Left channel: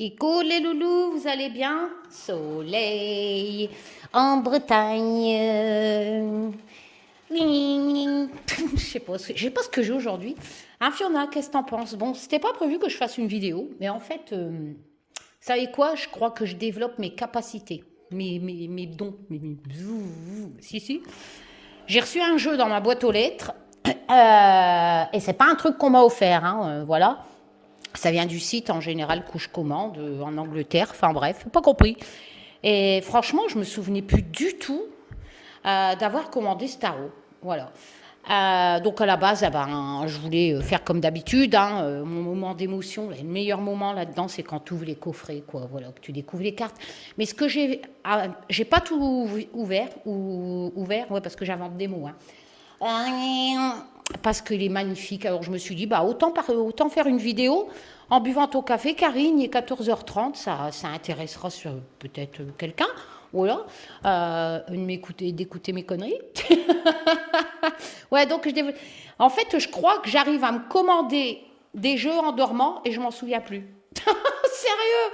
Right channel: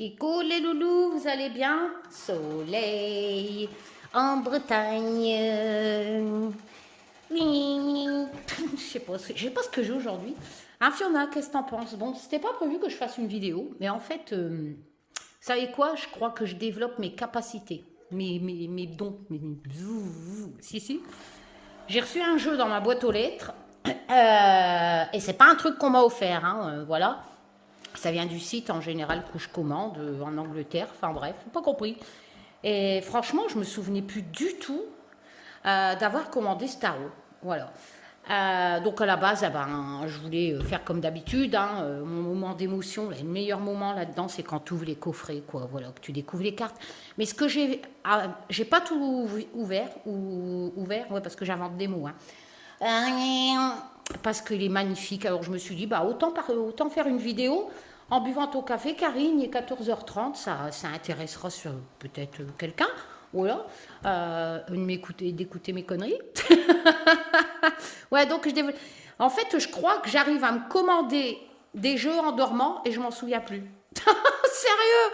Coucou les loulous, vous allez bien? Soleil en Bretagne. Je sais pas ce que j'ai aujourd'hui. Hein, Fiona, qu'est-ce que t'en penses? Bon, c'était pas prévu que je fasse une vidéo, mais en fait, vous savez quoi? Je crois que je développe mes capacités, mes dons. Si, si. J'ai reçu un jeu dans ma boîte aux lettres, et c'est pas un truc qu'on m'a offert, hein, voilà. Ça vient du site en général que je commande en Angleterre, enfin bref, pas compris. Et franchement, je me souvenais plus du tout d'avoir commandé ce tarot. Voilà. Donc à la base, je voulais faire comme d'habitude. Mon moment d'émotion, le meilleur moment là-dedans, c'est quand tu ouvres les coffrets, quoi. Voilà, que tu découvres les cartes. Mais ce que j'ai pas tout ouvert, ouais, parce que j'invente des mots. Parce qu'il est magnifique. Alors je me suis dit, autant faire une vidéo en buvant ton café, Karine, il est 14h30, ça intéressera peut-être quelqu'un. Voilà, d'écouter mes conneries. Ouais, donc en fait, je crois que j'arrive à me commander des jeux en dormant et je m'en souviens plus. Sérieux,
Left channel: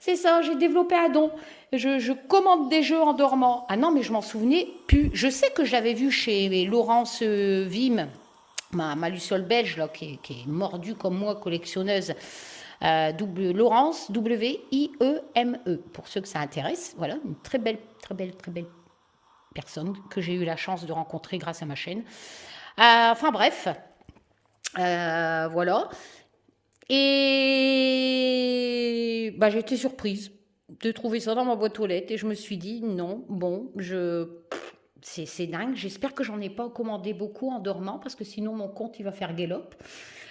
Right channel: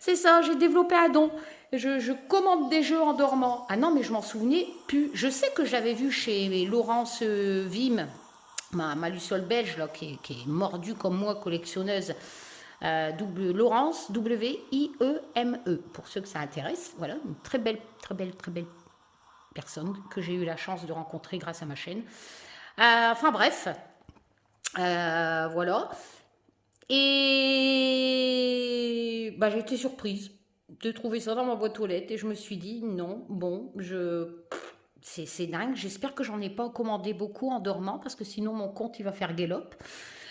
c'est ça, j'ai développé un don. Je commande des jeux en dormant. Ah non, mais je m'en souvenais plus. Je sais que j'avais vu chez Laurence Vim, ma Luciole belge, là, qui est mordue comme moi, collectionneuse. Laurence, W-I-E-M-E, pour ceux que ça intéresse. Voilà, une très belle personne que j'ai eu la chance de rencontrer grâce à ma chaîne. Enfin bref, voilà. Et j'ai été surprise de trouver ça dans ma boîte aux lettres et je me suis dit non, bon, c'est dingue. J'espère que j'en ai pas commandé beaucoup en dormant parce que sinon mon compte il va faire galop.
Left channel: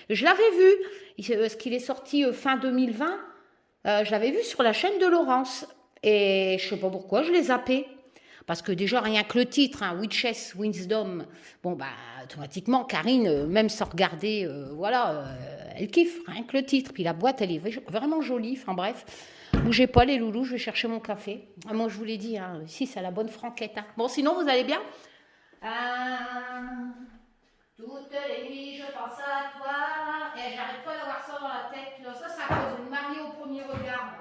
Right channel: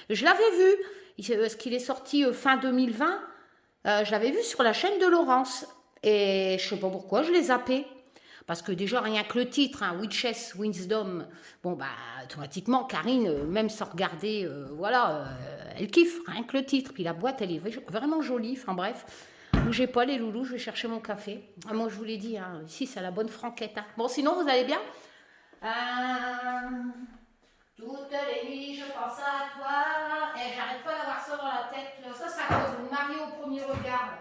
Je l'avais vu, ce qu'il est sorti fin 2020, je l'avais vu sur la chaîne de Laurence et je sais pas pourquoi je l'ai zappé. Parce que déjà, rien que le titre, Witches, Wisdom, automatiquement, Karine, même sans regarder, elle kiffe, rien que le titre. Puis la boîte, elle est vraiment jolie, enfin bref. Bougez pas les loulous, je vais chercher mon café. Moi, je vous l'ai dit, ici, c'est la bonne franquette. Bon, sinon, vous allez bien? Toutes les nuits, je pense à toi. Et j'arrête pas d'avoir ça dans la tête. Là. Ça, c'est à cause de Marie au premier regard.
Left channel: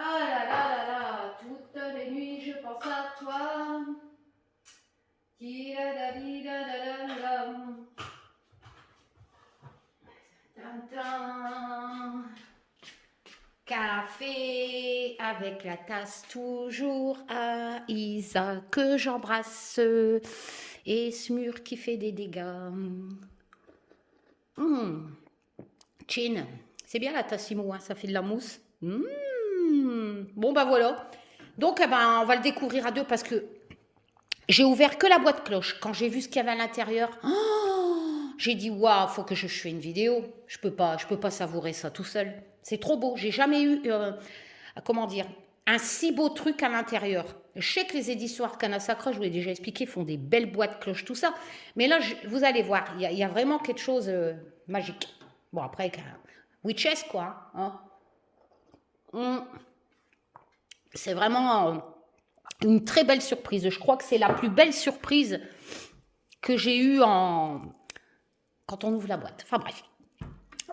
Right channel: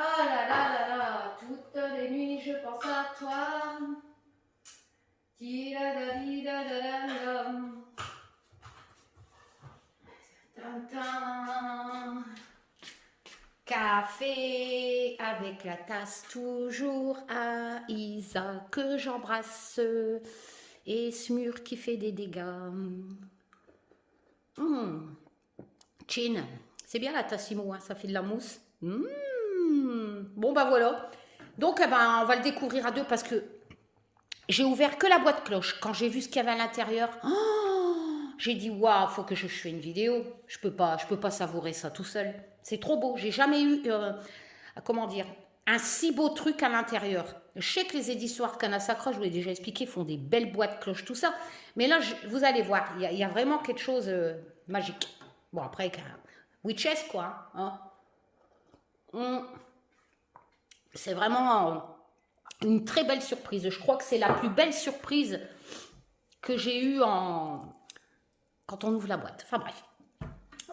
Ah là là là là, toutes les nuits je pense à toi. Café avec la tasse toujours à Isa que j'embrasse et ce mur qui fait des dégâts. Chin, c'est bien la tassimo, ça fait de la mousse. Bon voilà. Donc on va le découvrir à deux parce que j'ai ouvert que la boîte cloche. Quand j'ai vu ce qu'il y avait à l'intérieur, j'ai dit waouh, faut que je fasse une vidéo. Je peux pas savourer ça tout seul. C'est trop beau. J'ai jamais eu un si beau truc à l'intérieur. Je sais que les éditions Arcana Sacra, je vous l'ai déjà expliqué, font des belles boîtes cloches, tout ça. Mais là, vous allez voir, il y a vraiment quelque chose magique. Bon après, Witches quoi. C'est vraiment une très belle surprise. Je crois que c'est la plus belle surprise que j'ai eue quand on ouvre la boîte. Enfin bref.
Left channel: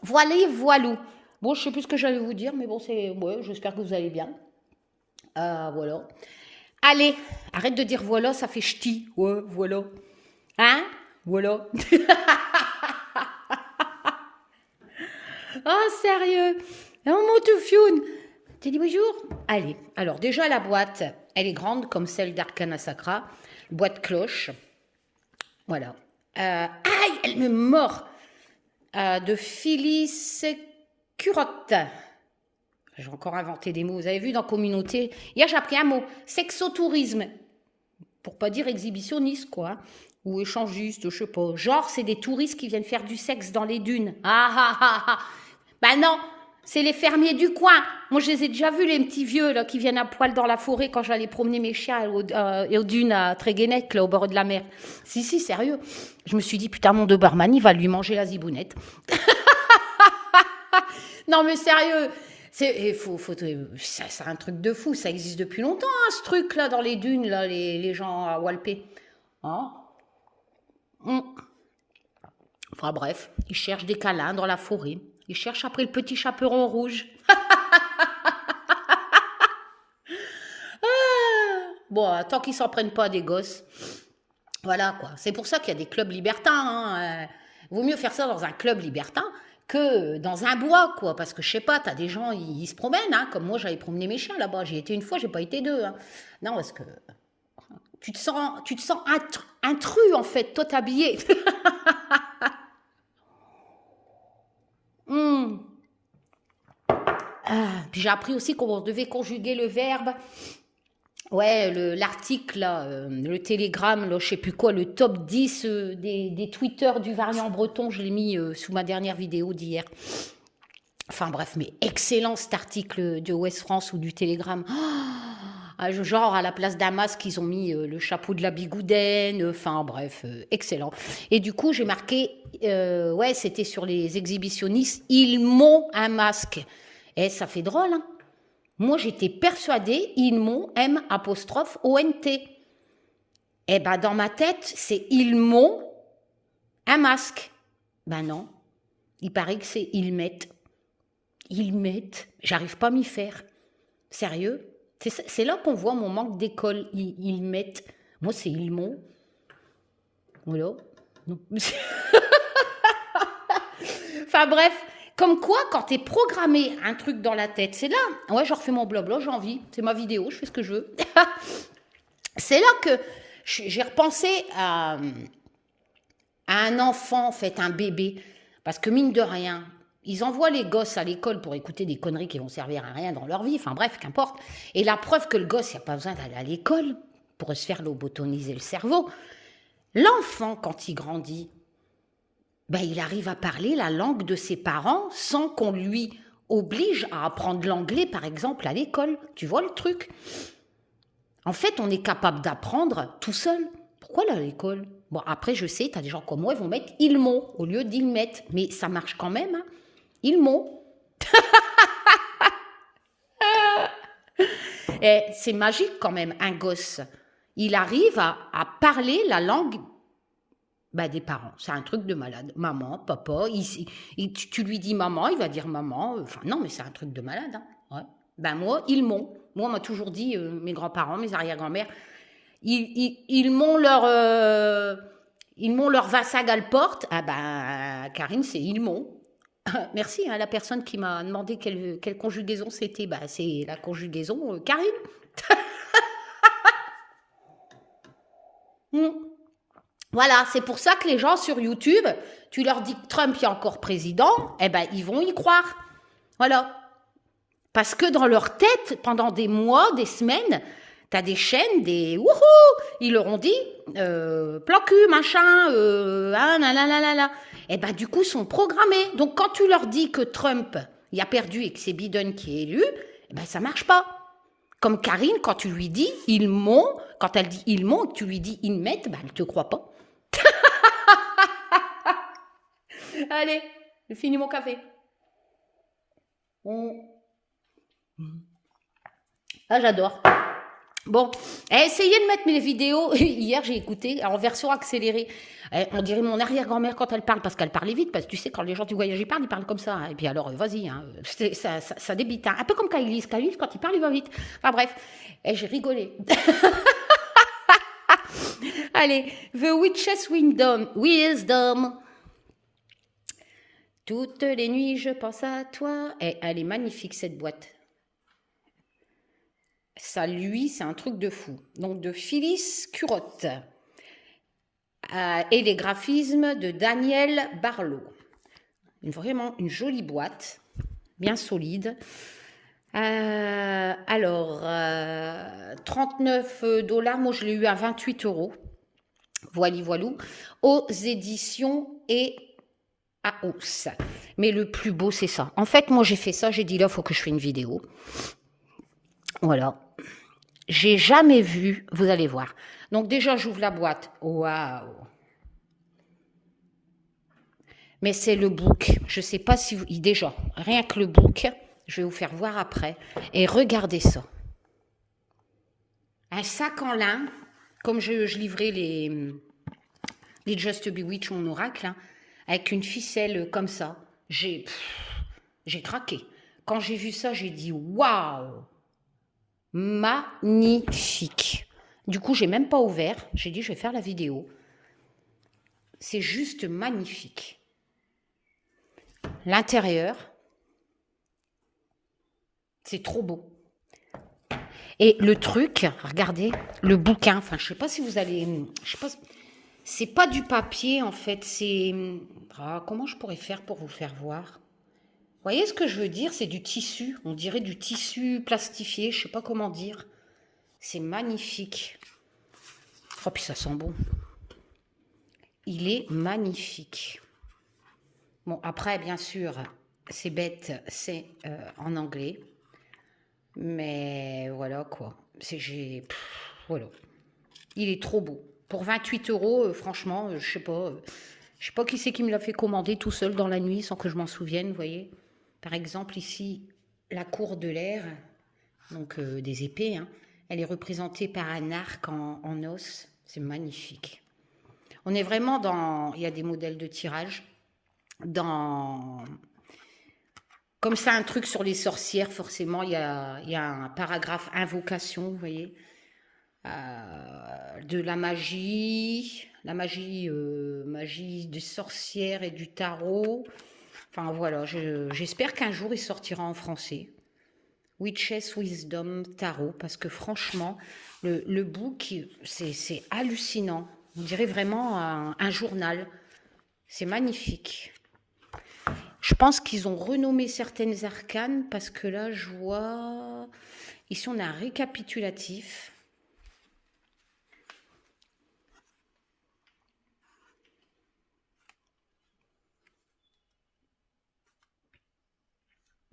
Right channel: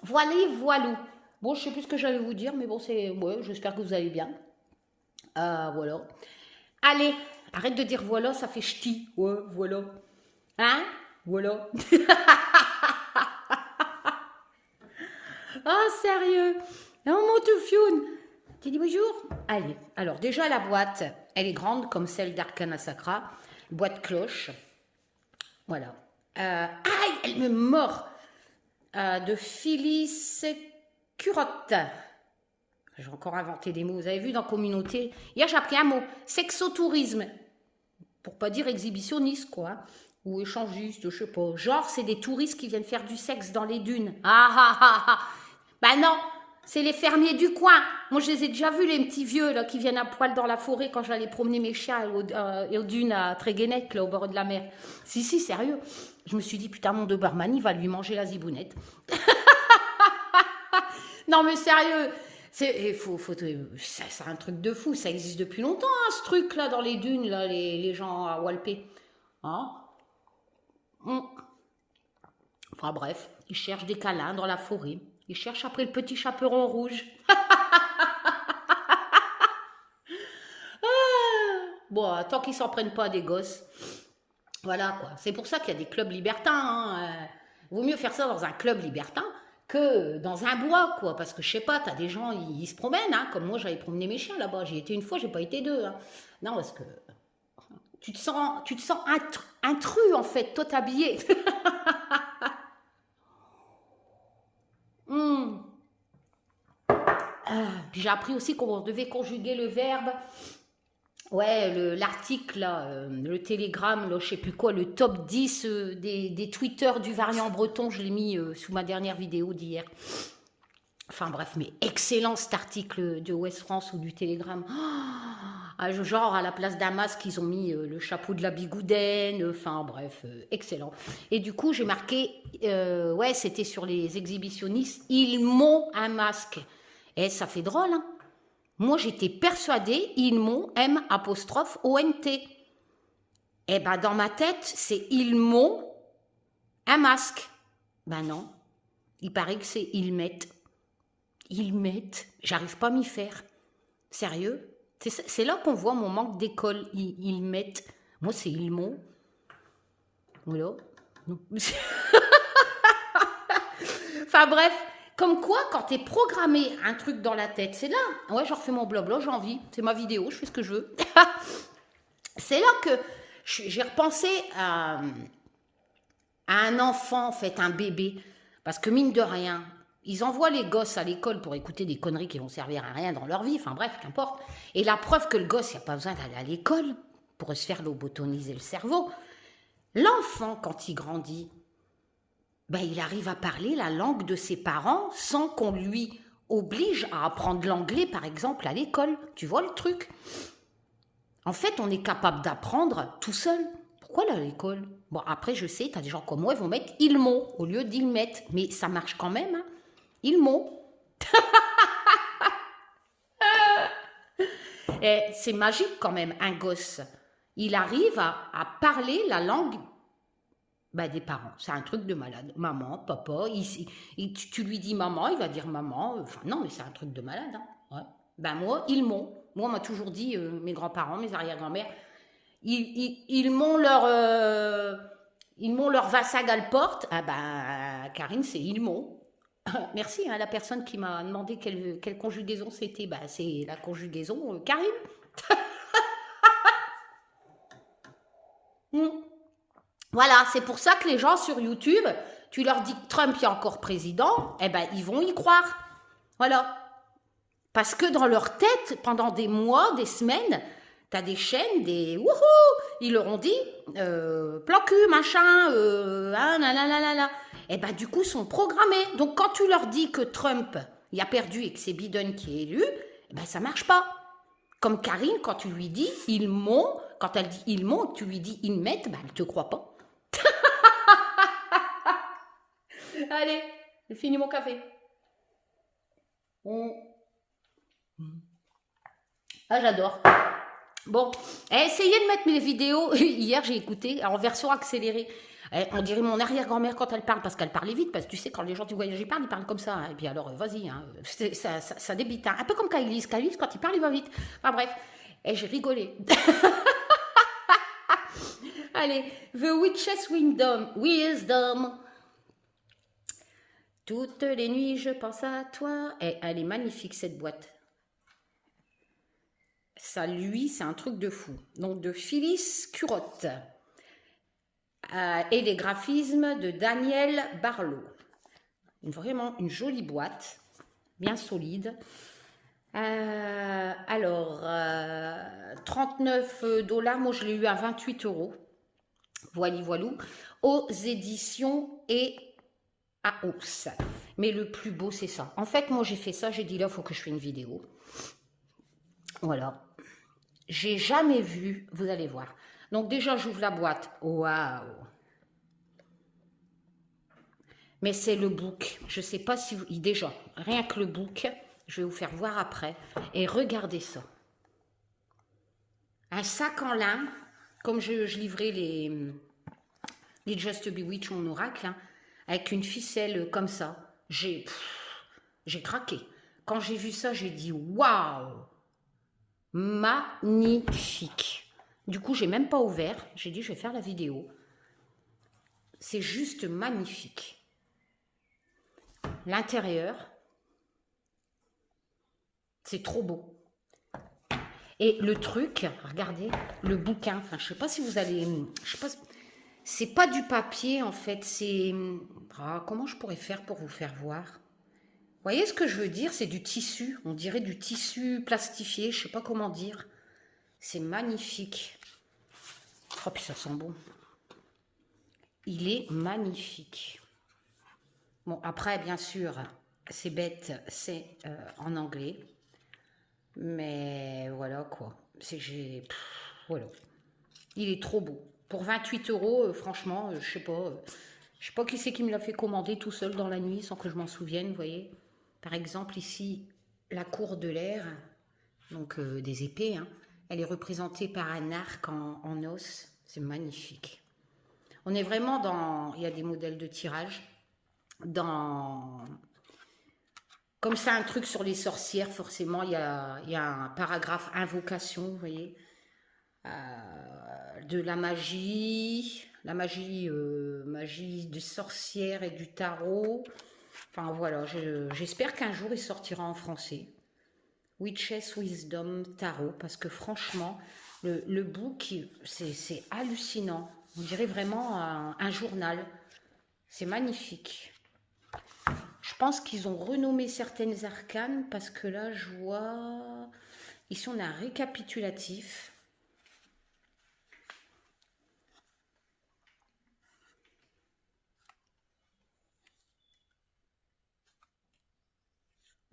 Voilou. Bon, je sais plus ce que j'allais vous dire, mais bon, j'espère que vous allez bien. Voilà. Allez, arrête de dire voilà, ça fait ch'ti. Ouais, voilà. Hein? Voilà. Oh, sérieux? Oh, mon toufioune. T'as dit bonjour? Allez, alors déjà la boîte, elle est grande comme celle d'Arcana Sacra. Boîte cloche. Voilà. Aïe, elle me mord. De Phyllis Curotte. J'ai encore inventé des mots. Vous avez vu dans communauté, hier j'ai appris un mot. Sexotourisme. Pour pas dire exhibitionniste, quoi. Ou échangiste, je sais pas. Genre, c'est des touristes qui viennent faire du sexe dans les dunes. Bah non, c'est les fermiers du coin. Moi, je les ai déjà vus, les petits vieux là, qui viennent à poil dans la forêt quand j'allais promener mes chiens aux dunes à Tréguenec, là, au bord de la mer. Si, sérieux. Je me suis dit, putain, mon Doberman, il va lui manger la zibounette. Non, mais sérieux. C'est un truc de fou. Ça existe depuis longtemps, ce truc-là, dans les dunes, là, les gens à Walpé. Enfin, bref, ils cherchent des câlins dans la forêt. Ils cherchent après le petit chaperon rouge. Bon, tant qu'ils s'en prennent pas à des gosses. Voilà, quoi. C'est pour ça qu'il y a des clubs libertins. Hein. Vaut mieux faire ça dans un club libertin que dans un bois, quoi. Parce que, je sais pas, t'as des gens, ils se promènent, hein. Comme moi, j'avais promené mes chiens là-bas. J'y étais une fois, j'ai pas été deux. Hein. Non, parce que tu te sens intrus, en fait, toi t'habillé. Hum. Puis j'ai appris aussi qu'on devait conjuguer le verbe. Ouais, l'article, là, le télégramme, là, je sais plus quoi, le top 10 des tweeters du variant breton, je l'ai mis sous ma dernière vidéo d'hier. Enfin bref, mais excellent cet article de Ouest France ou du Télégramme. Genre à la place d'un masque, ils ont mis le chapeau de la bigoudaine. Enfin bref, excellent. Et du coup, j'ai marqué, ouais, c'était sur les exhibitionnistes, ils m'ont un masque. Et ça fait drôle, hein. Moi, j'étais persuadée, ils m'ont, M''ONT. Eh ben, dans ma tête, c'est ils m'ont un masque. Ben non, il paraît que c'est ils mettent. Ils mettent. J'arrive pas à m'y faire. Sérieux? C'est là qu'on voit mon manque d'école. Ils mettent. Moi, c'est ils m'ont. Voilà. Enfin bref. Comme quoi, quand t'es programmé un truc dans la tête, c'est là. Ouais, je refais mon blabla, j'ai envie. C'est ma vidéo, je fais ce que je veux. C'est là que j'ai repensé à un enfant, en fait, un bébé. Parce que mine de rien, ils envoient les gosses à l'école pour écouter des conneries qui vont servir à rien dans leur vie. Enfin bref, qu'importe. Et la preuve que le gosse, il n'y a pas besoin d'aller à l'école pour se faire lobotoniser le cerveau. L'enfant, quand il grandit, ben, il arrive à parler la langue de ses parents sans qu'on lui oblige à apprendre l'anglais, par exemple, à l'école. Tu vois le truc? En fait, on est capable d'apprendre tout seul. Pourquoi aller à l'école? Bon, après, je sais, tu as des gens comme moi, ils vont mettre « ils m'ont » au lieu d'ils mettent. Mais ça marche quand même, hein. Ils m'ont. Et c'est magique quand même, un gosse. Il arrive à parler la langue des parents. C'est un truc de malade. Maman, papa, tu lui dis maman, il va dire maman. Enfin, non, mais c'est un truc de malade. Hein. Ouais. Ben moi, ils m'ont. Moi, on m'a toujours dit, mes grands-parents, mes arrière-grand-mères, ils m'ont leur vassag à la porte. Ah ben, Karine, c'est ils m'ont. Merci à la personne qui m'a demandé quelle conjugaison c'était. Ben, c'est la conjugaison Karine. Voilà, c'est pour ça que les gens sur YouTube, tu leur dis que Trump est encore président, eh ben ils vont y croire. Voilà. Parce que dans leur tête, pendant des mois, des semaines, t'as des chaînes, des wouhou, ils leur ont dit plan cul, machin, nanana. Eh ben du coup, ils sont programmés. Donc quand tu leur dis que Trump il a perdu et que c'est Biden qui est élu, eh ben ça marche pas. Comme Karine, quand tu lui dis ils m'ont, quand elle dit ils m'ont, tu lui dis ils mettent, ben elle te croit pas. Allez, j'ai fini mon café. Ah, j'adore. Bon, essayez de mettre mes vidéos. Hier, j'ai écouté en version accélérée. On dirait mon arrière-grand-mère quand elle parle, parce qu'elle parlait vite, parce que tu sais, quand les gens du voyage ils parlent, ils parlent comme ça. Hein. Et puis alors, vas-y, hein, ça débite. Hein. Un peu comme Kailis. Kailis, quand il parle, il va vite. Enfin bref, j'ai rigolé. Allez, The Witch's Wisdom. Toutes les nuits, je pense à toi. Elle est magnifique, cette boîte. Ça, lui, c'est un truc de fou. Donc, de Phyllis Curotte. Et les graphismes de Daniel Barlow. Vraiment une jolie boîte, bien solide. Alors, 39 $, moi je l'ai eu à 28 €. Voilou, aux éditions et à Ous. Mais le plus beau, c'est ça. En fait, moi j'ai fait ça, j'ai dit là, il faut que je fasse une vidéo. Voilà. J'ai jamais vu, vous allez voir. Donc déjà, j'ouvre la boîte. Waouh! Mais c'est le book. Je ne sais pas si vous... Déjà, rien que le book, je vais vous faire voir après. Et regardez ça. Un sac en lin, comme je livrais les Just Bewitch, mon oracle, hein, avec une ficelle comme ça. J'ai craqué. Quand j'ai vu ça, j'ai dit waouh! Magnifique. Du coup, j'ai même pas ouvert. J'ai dit, je vais faire la vidéo. C'est juste magnifique. L'intérieur, c'est trop beau. Et le truc, regardez, le bouquin, enfin, je sais pas si vous allez... Je sais pas, c'est pas du papier, en fait, c'est... Ah, comment je pourrais faire pour vous faire voir? Vous voyez ce que je veux dire? C'est du tissu, on dirait du tissu plastifié, je sais pas comment dire. C'est magnifique. Oh, puis ça sent bon. Il est magnifique. Bon, après, bien sûr, c'est bête, c'est en anglais. Mais voilà, quoi. Voilà. Il est trop beau. Pour 28 €, franchement, je sais pas qui c'est qui me l'a fait commander tout seul dans la nuit sans que je m'en souvienne, vous voyez. Par exemple, ici, la cour de l'air, donc des épées, hein, elle est représentée par un arc en os. C'est magnifique. On est vraiment dans... Il y a des modèles de tirage. Comme c'est un truc sur les sorcières, forcément, il y a un paragraphe invocation, vous voyez. De la magie des sorcières et du tarot. Enfin voilà, j'espère qu'un jour il sortira en français. Witches Wisdom Tarot, parce que franchement, le book, c'est hallucinant. On dirait vraiment un journal. C'est magnifique. Je pense qu'ils ont renommé certaines arcanes, parce que là, je vois... Ici, on a un récapitulatif.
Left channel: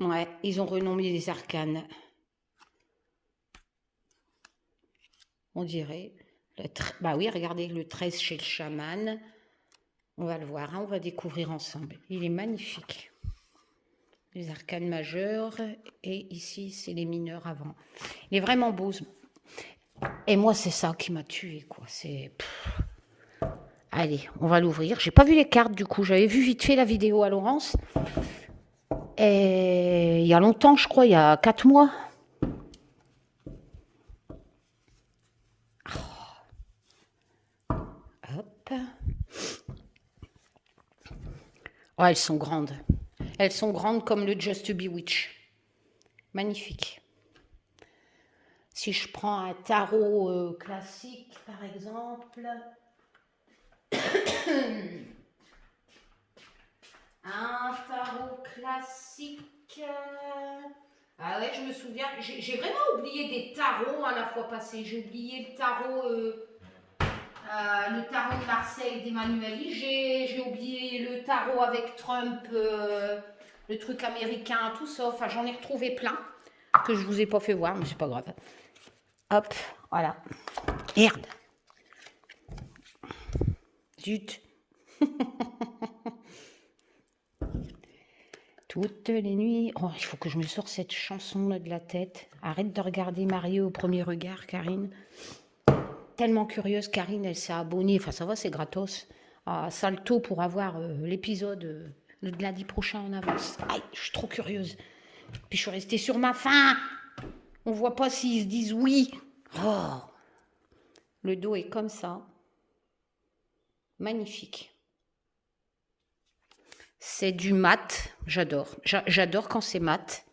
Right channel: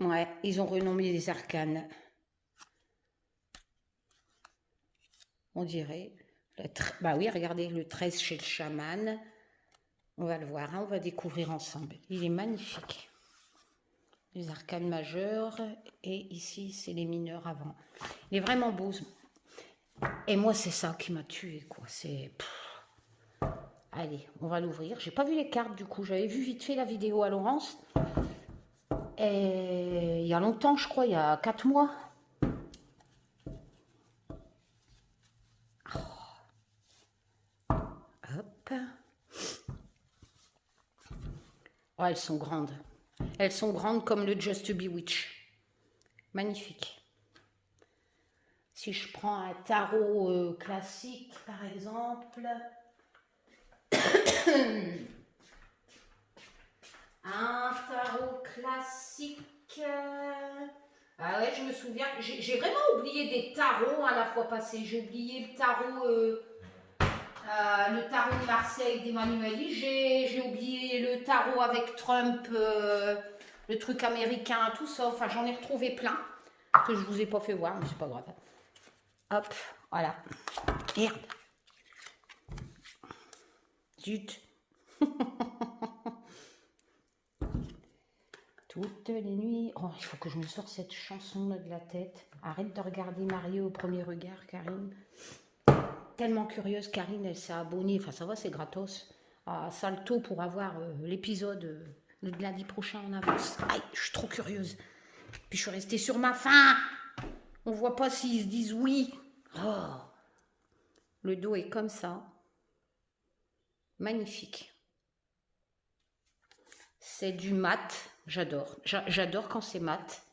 Ouais, ils ont renommé les arcanes. On dirait. Bah oui, regardez, le 13 chez le chaman. On va le voir, hein, on va découvrir ensemble. Il est magnifique. Les arcanes majeures. Et ici, c'est les mineurs avant. Il est vraiment beau. Et moi, c'est ça qui m'a tué, quoi. Allez, on va l'ouvrir. J'ai pas vu les cartes, du coup. J'avais vu vite fait la vidéo à Laurence. Et il y a longtemps, je crois, il y a 4 mois. Hop. Oh, elles sont grandes. Elles sont grandes comme le Just to Be Witch. Magnifique. Si je prends un tarot classique, par exemple... Un tarot classique... Ah ouais, je me souviens. J'ai vraiment oublié des tarots à la fois passée. J'ai oublié le tarot de Marseille d'Emmanuel. J'ai oublié le tarot avec Trump, le truc américain, tout ça. Enfin, j'en ai retrouvé plein que je vous ai pas fait voir, mais c'est pas grave. Hop, voilà. Merde. Zut. Toutes les nuits. Oh, il faut que je me sorte cette chanson de la tête. Arrête de regarder Mario au premier regard, Karine. Tellement curieuse, Karine, elle s'est abonnée. Enfin, ça va, c'est gratos. À Salto pour avoir l'épisode de lundi prochain en avance. Aïe, je suis trop curieuse. Puis je suis restée sur ma faim. On voit pas s'ils se disent oui. Oh. Le dos est comme ça. Magnifique. C'est du mat. J'adore. J'adore quand c'est mat.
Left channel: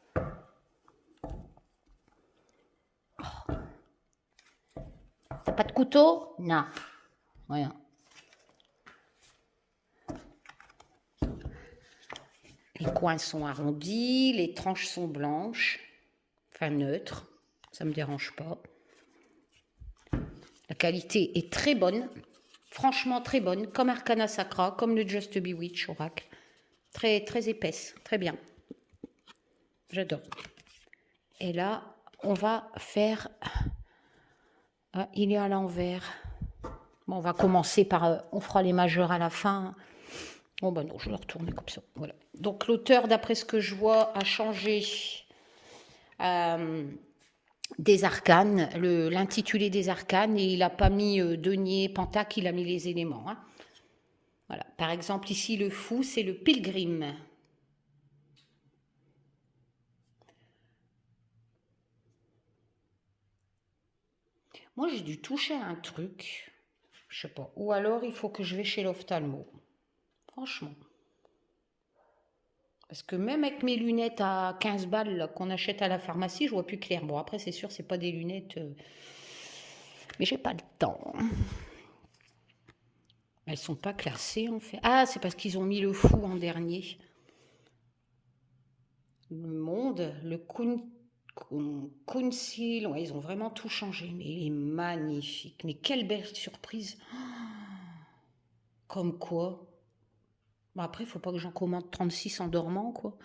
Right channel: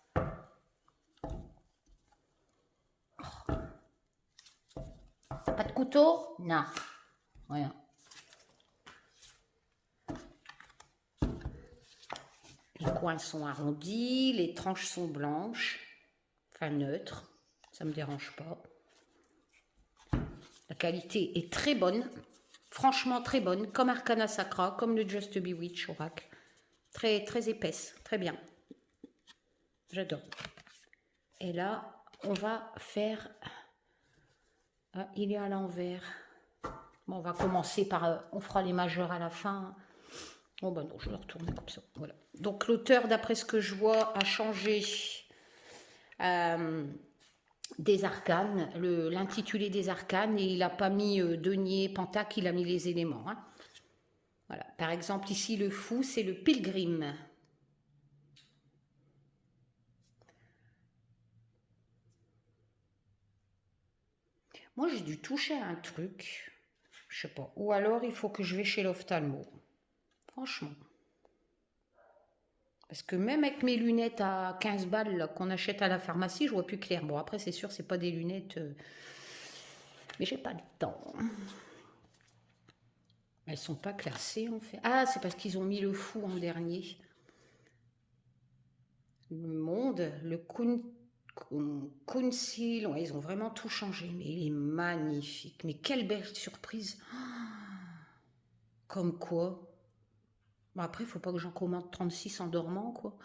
T'as pas de couteau? Non. Rien. Les coins sont arrondis, les tranches sont blanches. Enfin neutres. Ça me dérange pas. La qualité est très bonne. Franchement très bonne. Comme Arcana Sacra, comme le Just to Be Witch Oracle. Très, très épaisse. Très bien. J'adore. Et là, on va faire... Ah, il est à l'envers. Bon, on va commencer par... on fera les majeurs à la fin. Oh ben non, je vais le retourner comme ça. Voilà. Donc l'auteur, d'après ce que je vois, a changé des arcanes, l'intitulé des arcanes, et il n'a pas mis denier, pentacle, il a mis les éléments. Hein. Voilà. Par exemple, ici, le fou, c'est le pilgrim. Moi, j'ai dû toucher à un truc. Je sais pas. Ou alors, il faut que je vais chez l'ophtalmo. Franchement. Parce que même avec mes lunettes à 15 balles qu'on achète à la pharmacie, je vois plus clair. Bon, après, c'est sûr, c'est pas des lunettes... mais j'ai pas le temps. Elles sont pas classées, en fait. Ah, c'est parce qu'ils ont mis le fou en dernier. Le Monde, le Kunsil, ouais, ils ont vraiment tout changé. Mais il est magnifique. Mais quelle belle surprise. Comme quoi. Bon, après, il faut pas que j'en commande 36 en dormant, quoi.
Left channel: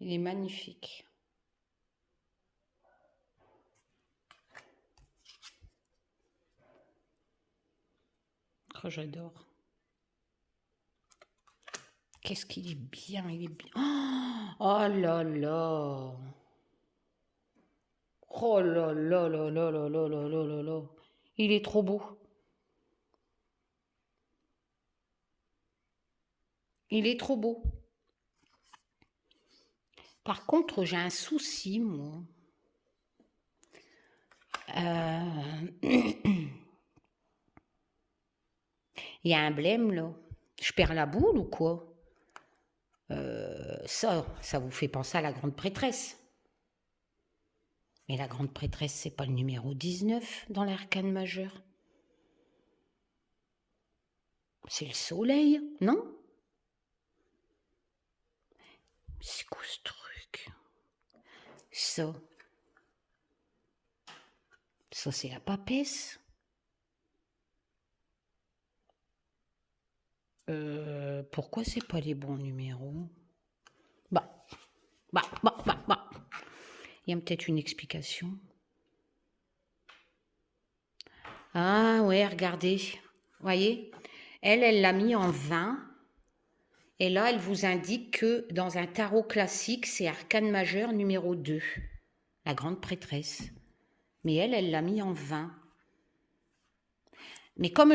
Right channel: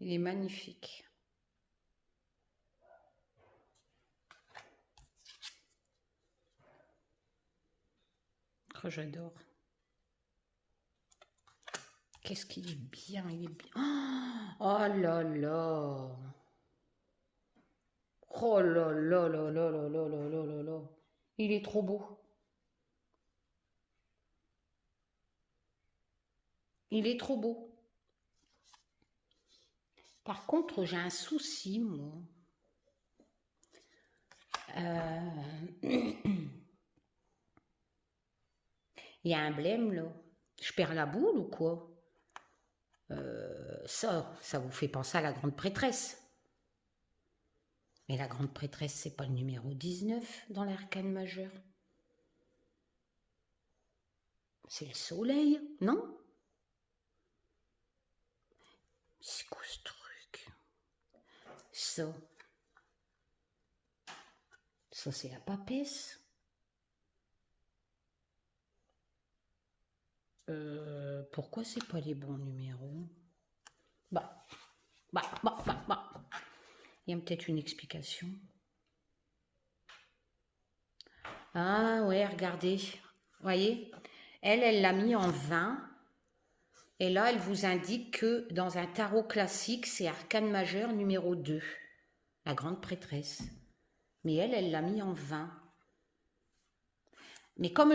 Il est magnifique. Oh, j'adore. Qu'est-ce qu'il est bien, il est bien. Oh là là. Oh là là là là là là là là là là. Il est trop beau. Il est trop beau. Par contre, j'ai un souci, moi. Il y a un blême, là. Je perds la boule ou quoi? Ça vous fait penser à la grande prêtresse. Mais la grande prêtresse, c'est pas le numéro 19 dans l'arcane majeur. C'est le soleil, non? C'est quoi ce truc? Ça, c'est la papesse. Pourquoi c'est pas les bons numéros? Bah. Il y a peut-être une explication. Ah ouais, regardez. Voyez? Elle l'a mis en 20. Et là, elle vous indique que dans un tarot classique, c'est arcane majeur numéro 2. La grande prêtresse. Mais elle l'a mis en 20. Mais comme,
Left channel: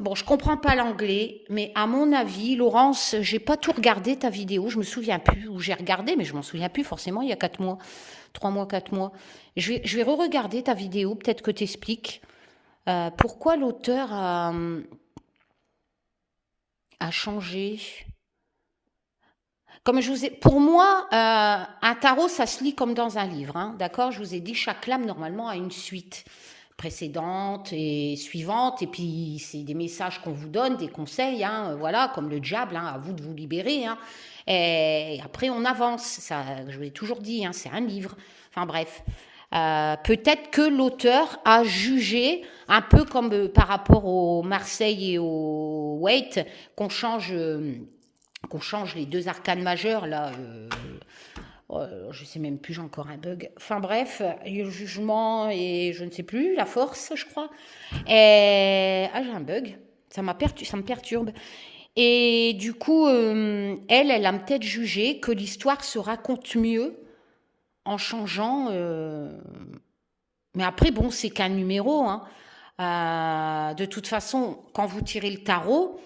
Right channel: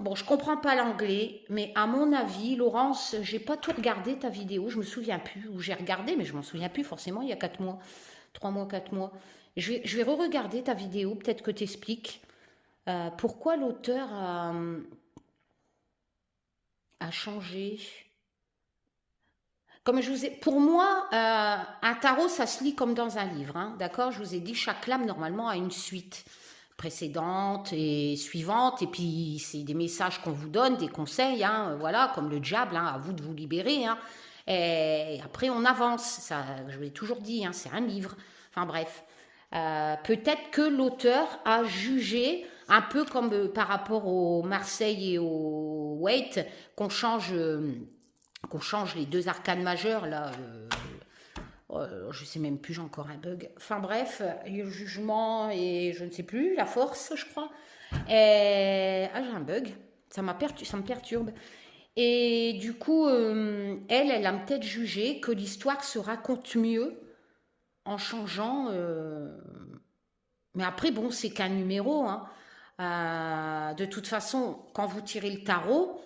bon, je comprends pas l'anglais, mais à mon avis, Laurence, j'ai pas tout regardé ta vidéo, je me souviens plus, ou j'ai regardé, mais je m'en souviens plus forcément, il y a 4 mois, 3 mois, 4 mois. Je vais re-regarder ta vidéo, peut-être que tu expliques pourquoi l'auteur a changé. Comme je vous ai, pour moi, un tarot, ça se lit comme dans un livre, hein, d'accord? Je vous ai dit, chaque lame, normalement, a une suite précédente et suivante, et puis c'est des messages qu'on vous donne, des conseils, hein, voilà, comme le diable, hein, à vous de vous libérer, hein, et après on avance, ça, je l'ai toujours dit, hein, c'est un livre, enfin bref, peut-être que l'auteur a jugé, un peu comme par rapport au Marseille et au Waite, qu'on change les deux arcanes majeurs, là, je sais même plus, j'ai encore un bug. Enfin bref, il y a le jugement et je ne sais plus, la force, je crois. Et... Ah, j'ai un bug, ça me perturbe. Et du coup, elle a peut-être jugé que l'histoire se raconte mieux en changeant. Mais après, bon, c'est qu'un numéro, hein. De toute façon, quand vous tirez le tarot,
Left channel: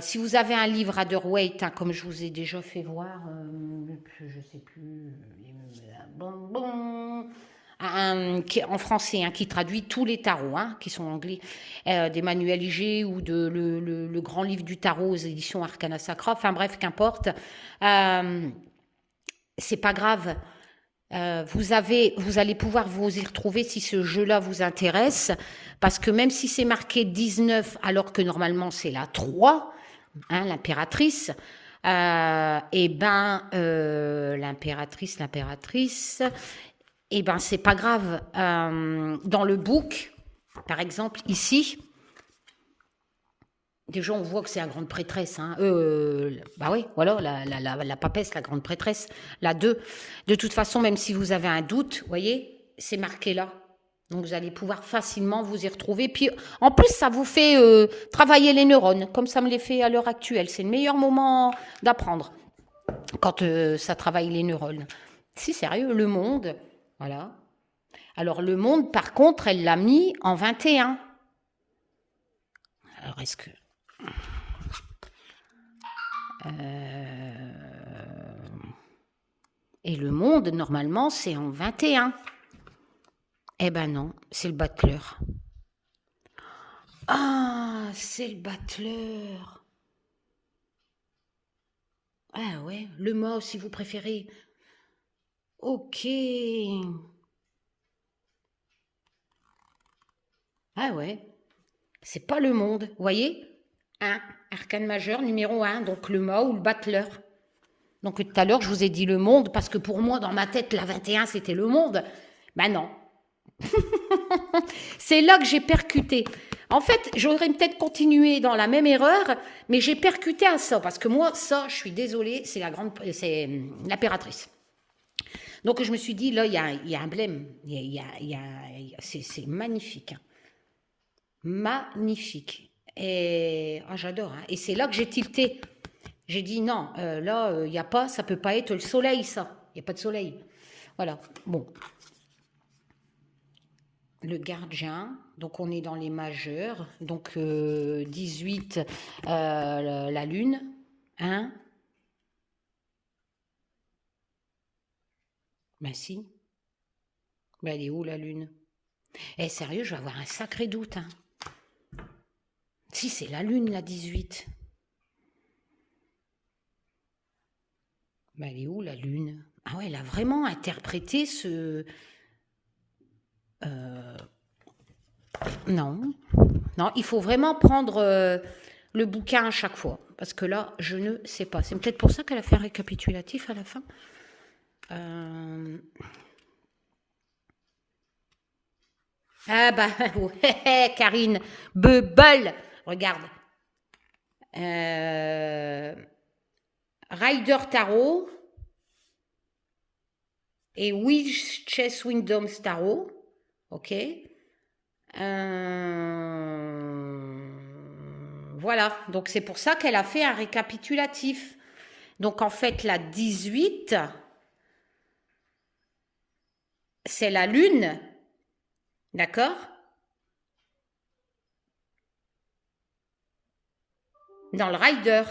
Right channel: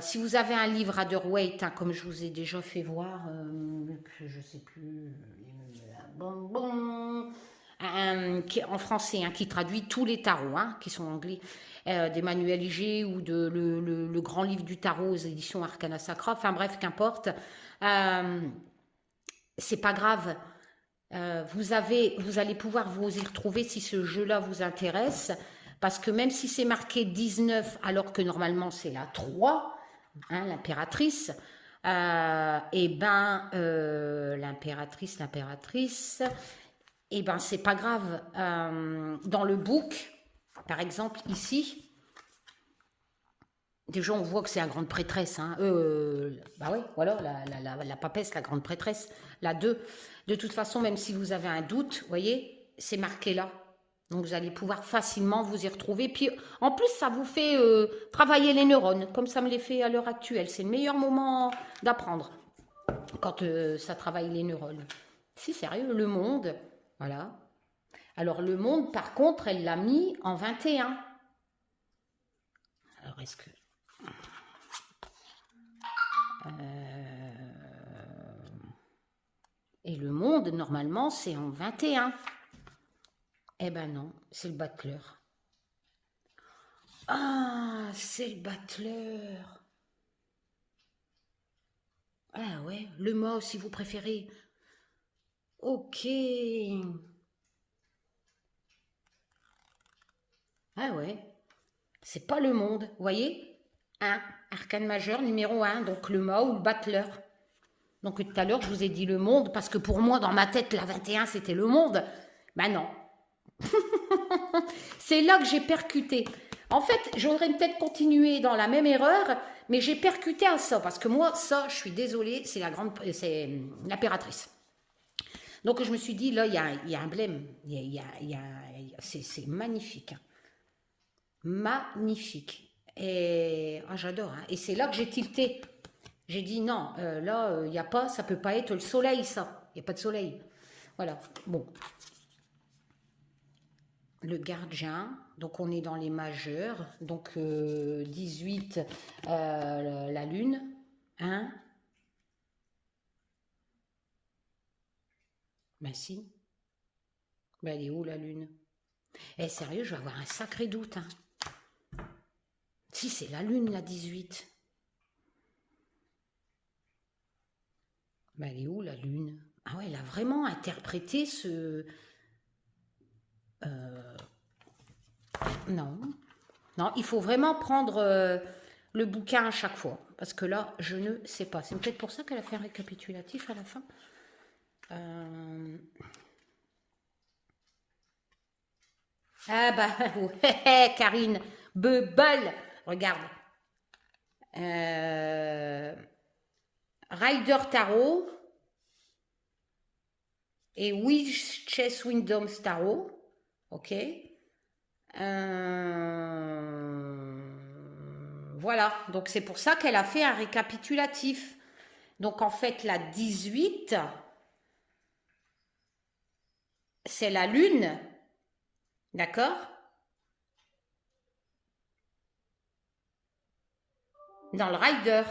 si vous avez un livre à Waite, hein, comme je vous ai déjà fait voir, je ne sais plus, en français, hein, qui traduit tous les tarots, hein, qui sont anglais, des manuels IG ou le grand livre du tarot aux éditions Arcana Sacra, enfin bref, qu'importe. C'est pas grave. Vous allez pouvoir vous y retrouver si ce jeu-là vous intéresse, parce que même si c'est marqué 19, alors que normalement c'est la 3, hein, l'impératrice, et ben l'impératrice, et ben c'est pas grave. Dans le book, par exemple, ici, déjà, on voit que c'est la grande prêtresse. Hein. Bah oui, voilà, la papesse, la grande prêtresse, la 2. De toute façon, même si vous avez un doute, vous voyez, c'est marqué là. Donc, vous allez pouvoir facilement vous y retrouver. Puis, en plus, ça vous fait travailler les neurones, comme ça me les fait à l'heure actuelle. C'est le meilleur moment d'apprendre, quand ça travaille les neurones. Si, sérieux, le monde, voilà. Alors, le monde, par contre, elle l'a mis en 21. Alors, est-ce que... Et le monde, normalement, c'est en 21. Eh ben non, c'est le battleur. Ah, c'est le battleur. Ah ouais, le mot si vous préférez. Ok. Ah ouais, c'est pas le monde, vous voyez? Un, arcane majeur numéro un, donc le mot ou le battleur. Donc tout à l'heure, je vous ai dit le monde, parce que pour moi, dans ma tête, la 21, c'était le monde. Ben non. C'est là que j'ai percuté. En fait, j'aurais peut-être continué dans la même erreur, mais j'ai percuté à ça, parce que moi, ça, je suis désolée, c'est l'impératrice. Donc je me suis dit, là, il y a un blême. C'est magnifique. Hein. Magnifique. Et j'adore. Hein. Et c'est là que j'ai tilté. J'ai dit non, là, il n'y a pas, ça peut pas être le soleil, ça. Il n'y a pas de soleil. Voilà. Bon. Le gardien, donc on est dans les majeurs. Donc 18, la lune. Hein? Ben si. Ben elle est où la lune? Eh sérieux, je vais avoir un sacré doute. Hein. Si, c'est la lune, la 18. Ben elle est où la lune? Ah ouais, elle a vraiment interprété ce... Non. Non, il faut vraiment prendre le bouquin à chaque fois. Parce que là, je ne sais pas. C'est peut-être pour ça qu'elle a fait un récapitulatif à la fin. Ah bah, ouais, Karine. Bubble. Regarde. Rider Tarot. Et Witch's Wisdom Tarot. Ok. Voilà, donc c'est pour ça qu'elle a fait un récapitulatif. Donc en fait, la 18, c'est la lune, d'accord? Dans le rider.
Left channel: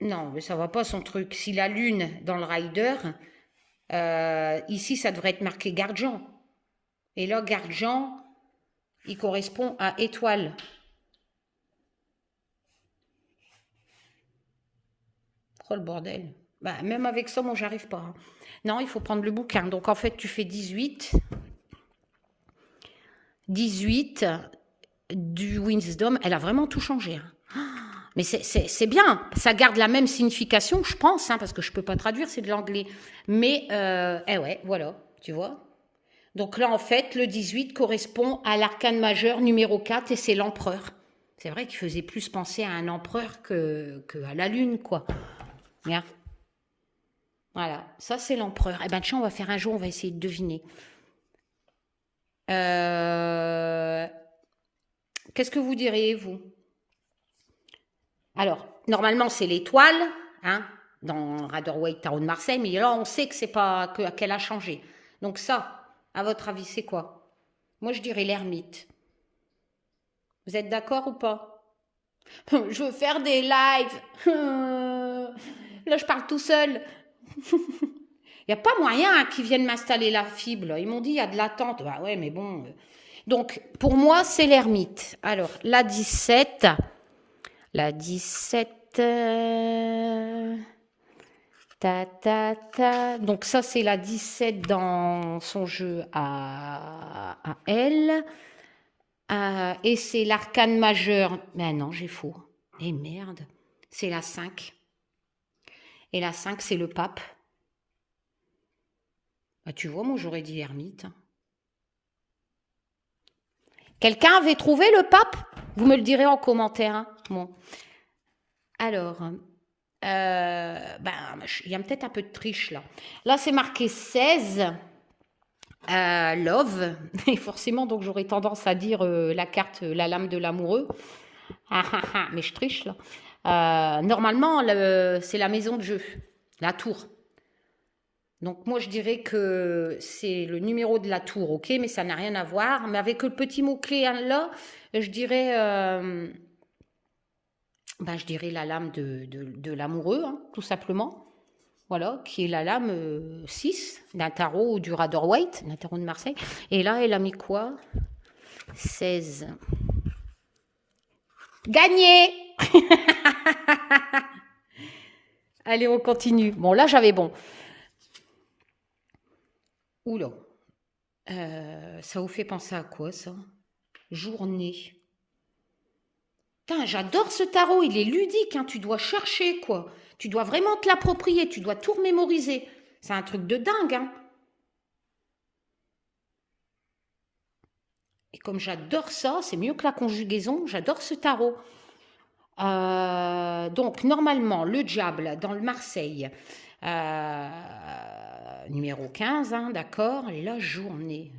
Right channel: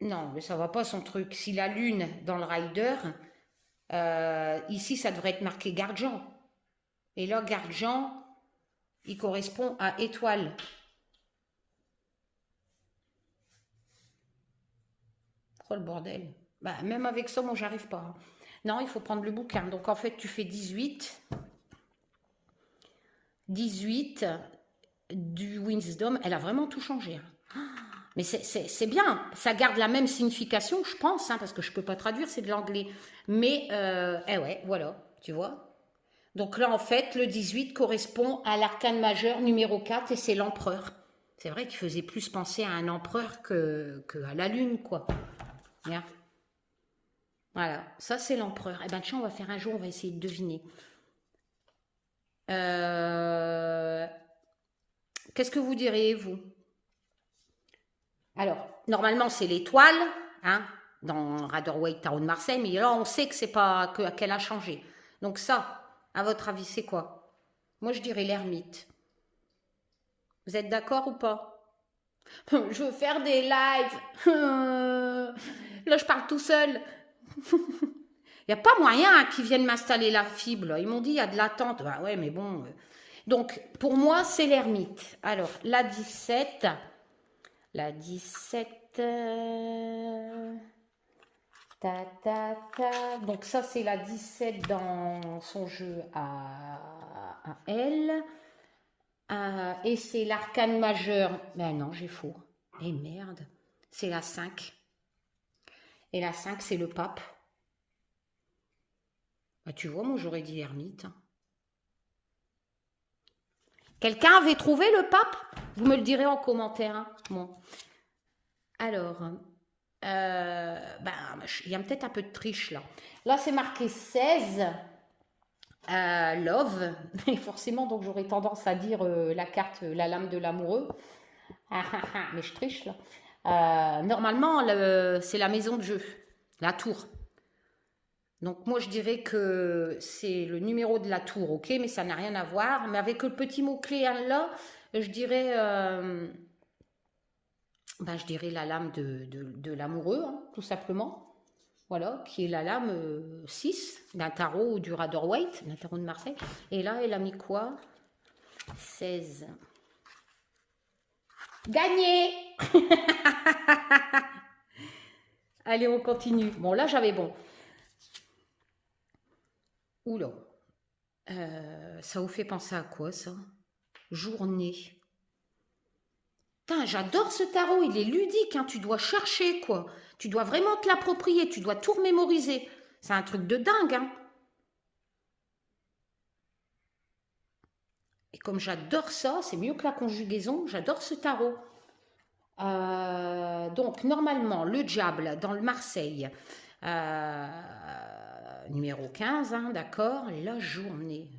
Non, mais ça va pas son truc. Si la lune dans le rider, ici ça devrait être marqué Gardian. Et là, Gardian, il correspond à étoile. Oh le bordel. Bah, même avec ça, moi, j'arrive pas. Hein. Non, il faut prendre le bouquin. Donc, en fait, tu fais 18. 18 du Wisdom. Elle a vraiment tout changé. Hein. Mais c'est bien. Ça garde la même signification, je pense, hein, parce que je peux pas traduire, c'est de l'anglais. Mais, ouais, voilà, tu vois. Donc là, en fait, le 18 correspond à l'arcane majeur numéro 4 et c'est l'empereur. C'est vrai qu'il faisait plus penser à un empereur que à la lune, quoi. Bien. Voilà, ça c'est l'empereur. Eh ben tiens, on va faire un jour, on va essayer de deviner. Qu'est-ce que vous diriez, vous? Alors, normalement, c'est l'étoile, hein, dans Rider-Waite Tarot de Marseille, mais là, on sait que c'est pas qu'elle a changé. Donc ça, à votre avis, c'est quoi? Moi, je dirais l'ermite. Vous êtes d'accord ou pas? Je veux faire des lives. Là, je parle tout seul. Il n'y a pas moyen qu'ils viennent m'installer la fibre. Ils m'ont dit, il y a de l'attente. Bah ouais, mais bon. Donc, pour moi, c'est l'ermite. Alors, la 17. La 17. Ta, ta, ta. Donc, ça, c'est la 17 dans son jeu à elle. Et c'est l'arcane majeur. Mais non, j'ai faux. Et merde. C'est la 5. Et la 5, c'est le pape. Bah, tu vois, moi, j'aurais dit l'ermite. Quelqu'un avait trouvé le pape? Vous me le direz en commentaire. Hein. Bon. Alors, il y a peut-être un peu de triche là. Là, c'est marqué 16. Love. Et forcément, donc j'aurais tendance à dire la carte, la lame de l'amoureux. Mais je triche là. Normalement, c'est la maison de jeu, la tour. Donc moi, je dirais que c'est le numéro de la tour, ok, mais ça n'a rien à voir. Mais avec le petit mot-clé là, je dirais, je dirais la lame de l'amoureux, hein, tout simplement. voilà, qui est la lame 6 d'un tarot du Rider-Waite, d'un tarot de Marseille. Et là, elle a mis quoi? 16. Gagné. Allez, on continue. Bon, là, j'avais bon. Oula. Ça vous fait penser à quoi, ça? Journée. Putain, j'adore ce tarot, il est ludique, hein, tu dois chercher, quoi. Tu dois vraiment te l'approprier, tu dois tout remémoriser. C'est un truc de dingue, hein. Et comme j'adore ça, c'est mieux que la conjugaison, j'adore ce tarot. Donc, normalement, le diable dans le Marseille, numéro 15, hein, d'accord. La journée.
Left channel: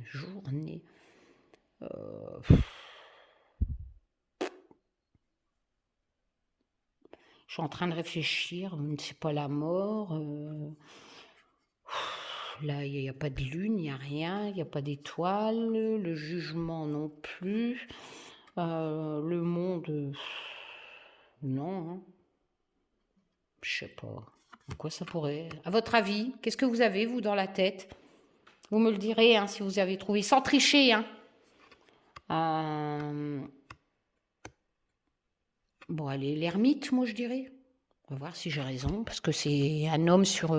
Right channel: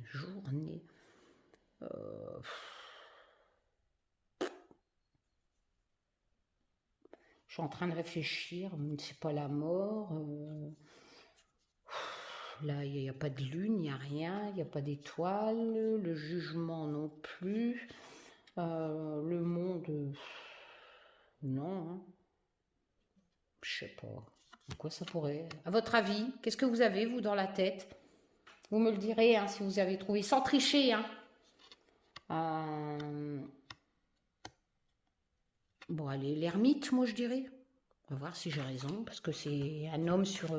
Je suis en train de réfléchir, c'est pas la mort. Là, il n'y a pas de lune, il n'y a rien, il n'y a pas d'étoile, le jugement non plus, le monde, non, hein. Je sais pas. Quoi ça pourrait... À votre avis, qu'est-ce que vous avez, vous, dans la tête? Vous me le direz, hein, si vous avez trouvé, sans tricher, hein. Bon, allez, l'ermite, moi, je dirais. On va voir si j'ai raison, parce que c'est un homme sur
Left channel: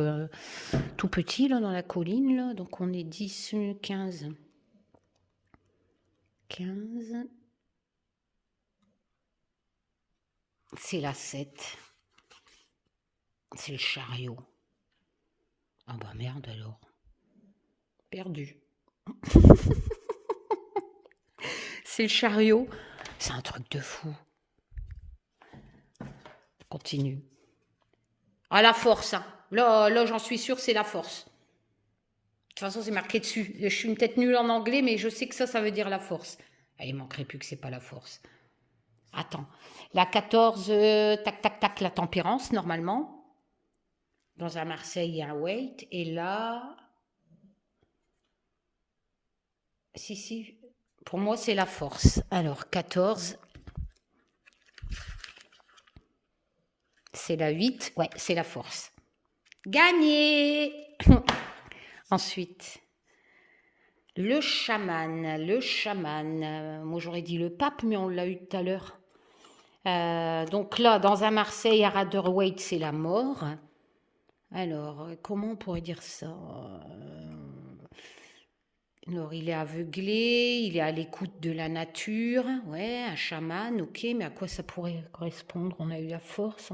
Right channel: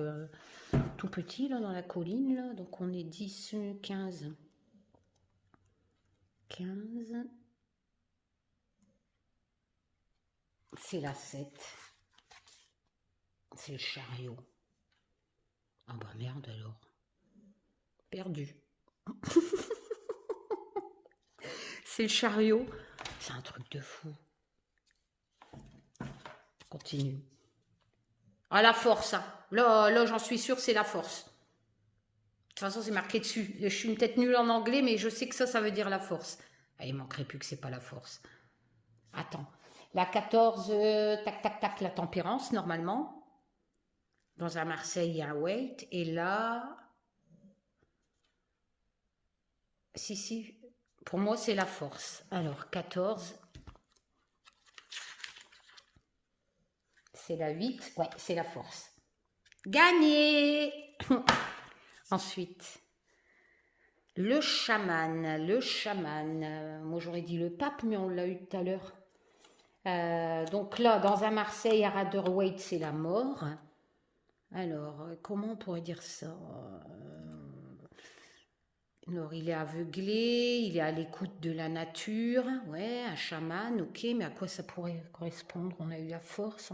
tout petit, là, dans la colline, là. Donc, on est 10, 15. 15. C'est la 7. C'est le chariot. Ah bah merde, alors. Perdu. C'est le chariot. C'est un truc de fou. Continue. Ah, la force, hein. Là j'en suis sûre, c'est la force. De toute façon, c'est marqué dessus. Je suis peut-être nulle en anglais, mais je sais que ça veut dire la force. Ah, il manquerait plus que c'est pas la force. Attends. La 14, tac, tac, tac, la tempérance, normalement. Dans un Marseille, il y a un Waite. Et là... Si. Pour moi, c'est la force. Alors, 14... C'est la 8, ouais, c'est la force. Gagné. Ensuite, le chaman. Moi, j'aurais dit le pape, mais on l'a eu tout à l'heure. Donc là, dans un Marseille, à Rider-Waite, c'est la mort. Alors, comment on pourrait dire ça? Alors, il est aveuglé, il est à l'écoute de la nature. Ouais, un chaman, ok, mais à quoi ça pourrait correspondre? On a eu la force,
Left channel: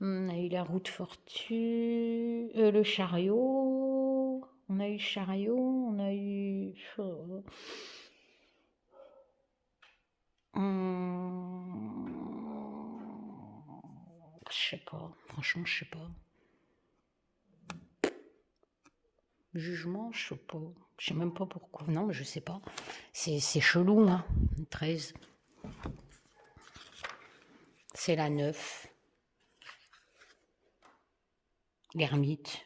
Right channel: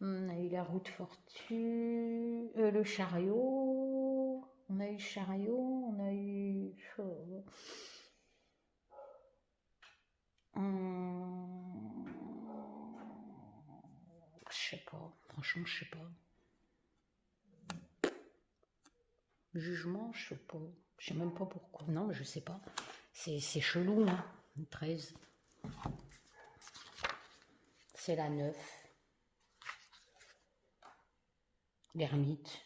on a eu la roue de fortune, le chariot, on a eu le chariot, on a eu... Je sais pas, franchement, je sais pas. Jugement, je sais pas. Je sais même pas pourquoi. Non, mais je sais pas. C'est chelou, hein. 13. C'est la 9. L'ermite.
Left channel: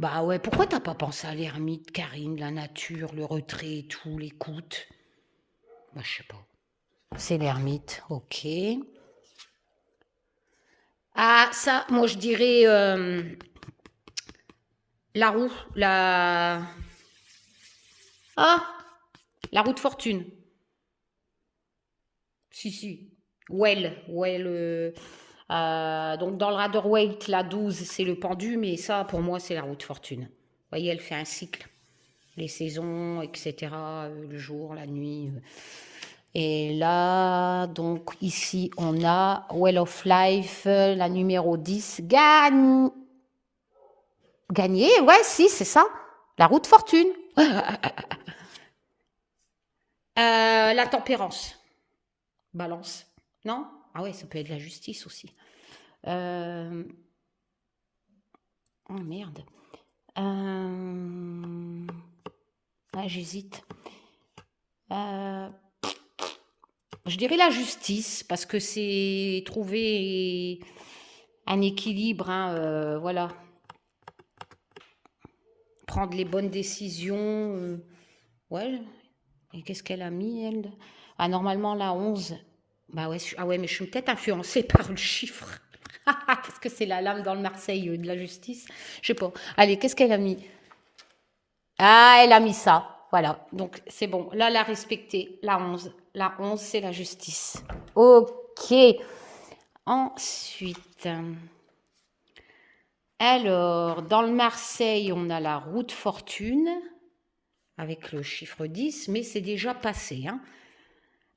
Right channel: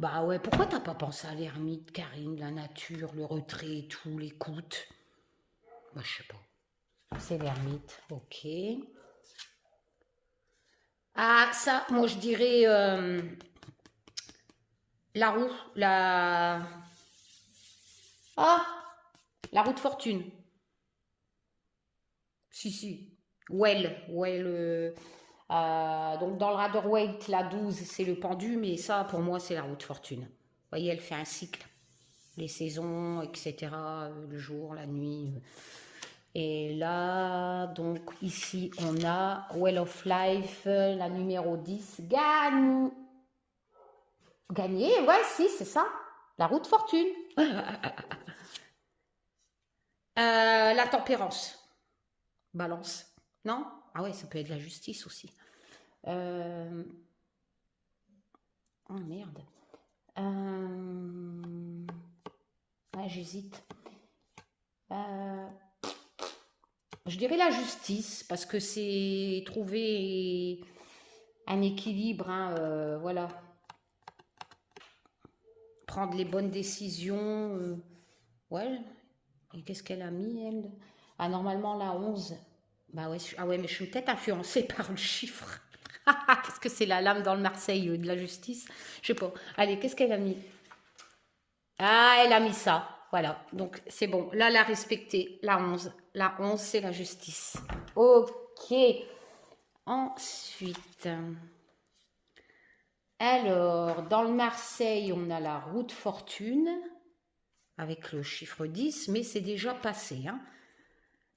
Bah ouais, pourquoi t'as pas pensé à l'ermite, Karine, la nature, le retrait et tout, l'écoute? Moi, je sais pas. C'est l'ermite, ok. Ah, ça, moi, je dirais la roue, Ah, la roue de fortune. Si. Donc, dans le Rider-Waite, la 12, c'est le pendu, mais ça, pour moi, c'est la roue de fortune. Vous voyez, elle fait un cycle. Les saisons, etc., le jour, la nuit. Et là, donc, ici, on a Well of Life, la numéro 10. Gagné, ouais, si, c'est ça. La roue de fortune. La tempérance. Balance. Non? Ah ouais, ça peut être la justice aussi. Oh merde. J'hésite. Je dirais la justice, parce que c'est trouver un équilibre, hein, voilà. Prendre les bonnes décisions. Ouais. Et qu'est-ce qu'elle a mis, elle? Ah, normalement, la 11. Bah ouais, ah ouais, mais je suis peut-être influencée par le chiffre. Parce que c'est la lame dans le Marseille de la justice. Je sais pas. Allez, qu'est-ce qu'elle a mis? Ah, elle a mis ça. Voilà. Donc, c'est bon. Là, elle a respecté la 11. La 11, c'est la justice. Ok. Ensuite, alors, dans le Marseille, on a la route fortune avec le chiffre 10, mais c'est déjà passé. Hein.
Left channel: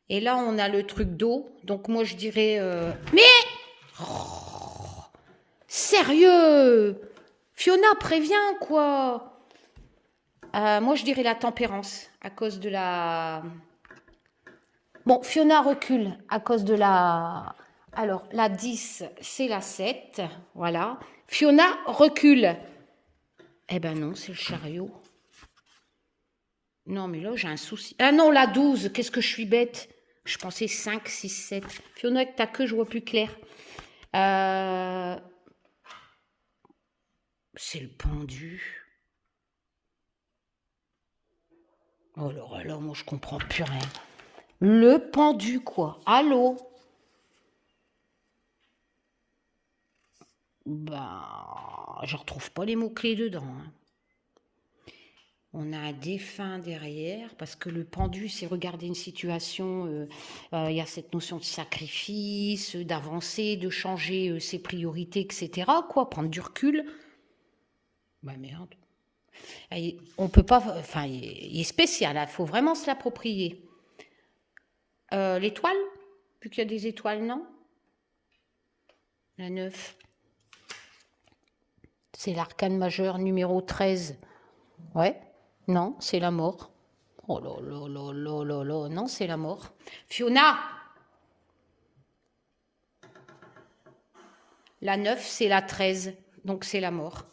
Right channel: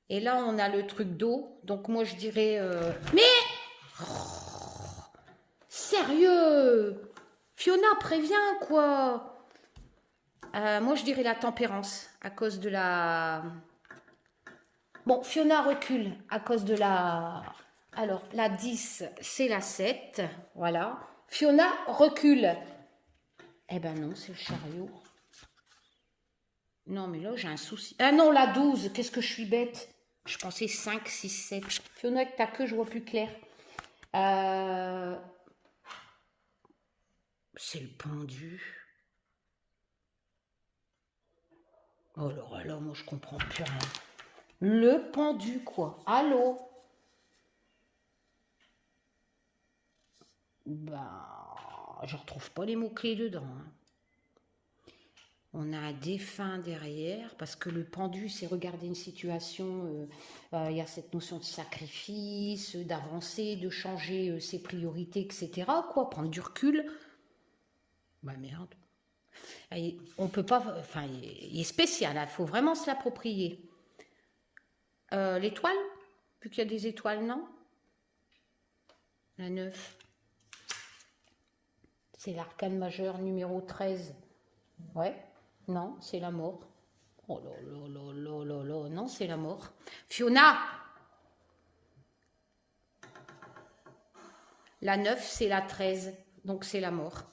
Et là, on a le truc d'eau. Donc, moi, je dirais... Mais sérieux, Fiona, préviens, quoi. Moi, je dirais la tempérance, à cause de la... Bon, Fiona recule à cause de la... Alors, la 10, c'est la 7, voilà. Fiona recule. Eh ben non, c'est le chariot. Non, mais là, j'ai un souci. Ah non, la 12, qu'est-ce que je suis bête. Je pensais 5, 6, 7. Fiona, avec ta queue, je vois plus clair. C'est le pendu. Oh là là, moi, je comprends plus rien. Le pendu, quoi. Allô? Ben, je retrouve pas les mots-clés dedans. Hein. On a un défunt derrière, parce que le pendu, c'est regarder une situation, il y a cette notion de sacrifice, d'avancer, de changer ses priorités, etc. Quoi, prendre du recul. Bah merde. Et on peut pas, enfin, il est spécial, il faut vraiment se l'approprier. L'étoile, vu qu'il y a des étoiles, non? La 9. C'est l'arcane majeur numéro 13. Ouais. Non, c'est la mort. Oh là là là là là là. Non, c'est la mort. Fiona! La 9, c'est la 13. Donc c'est la mort.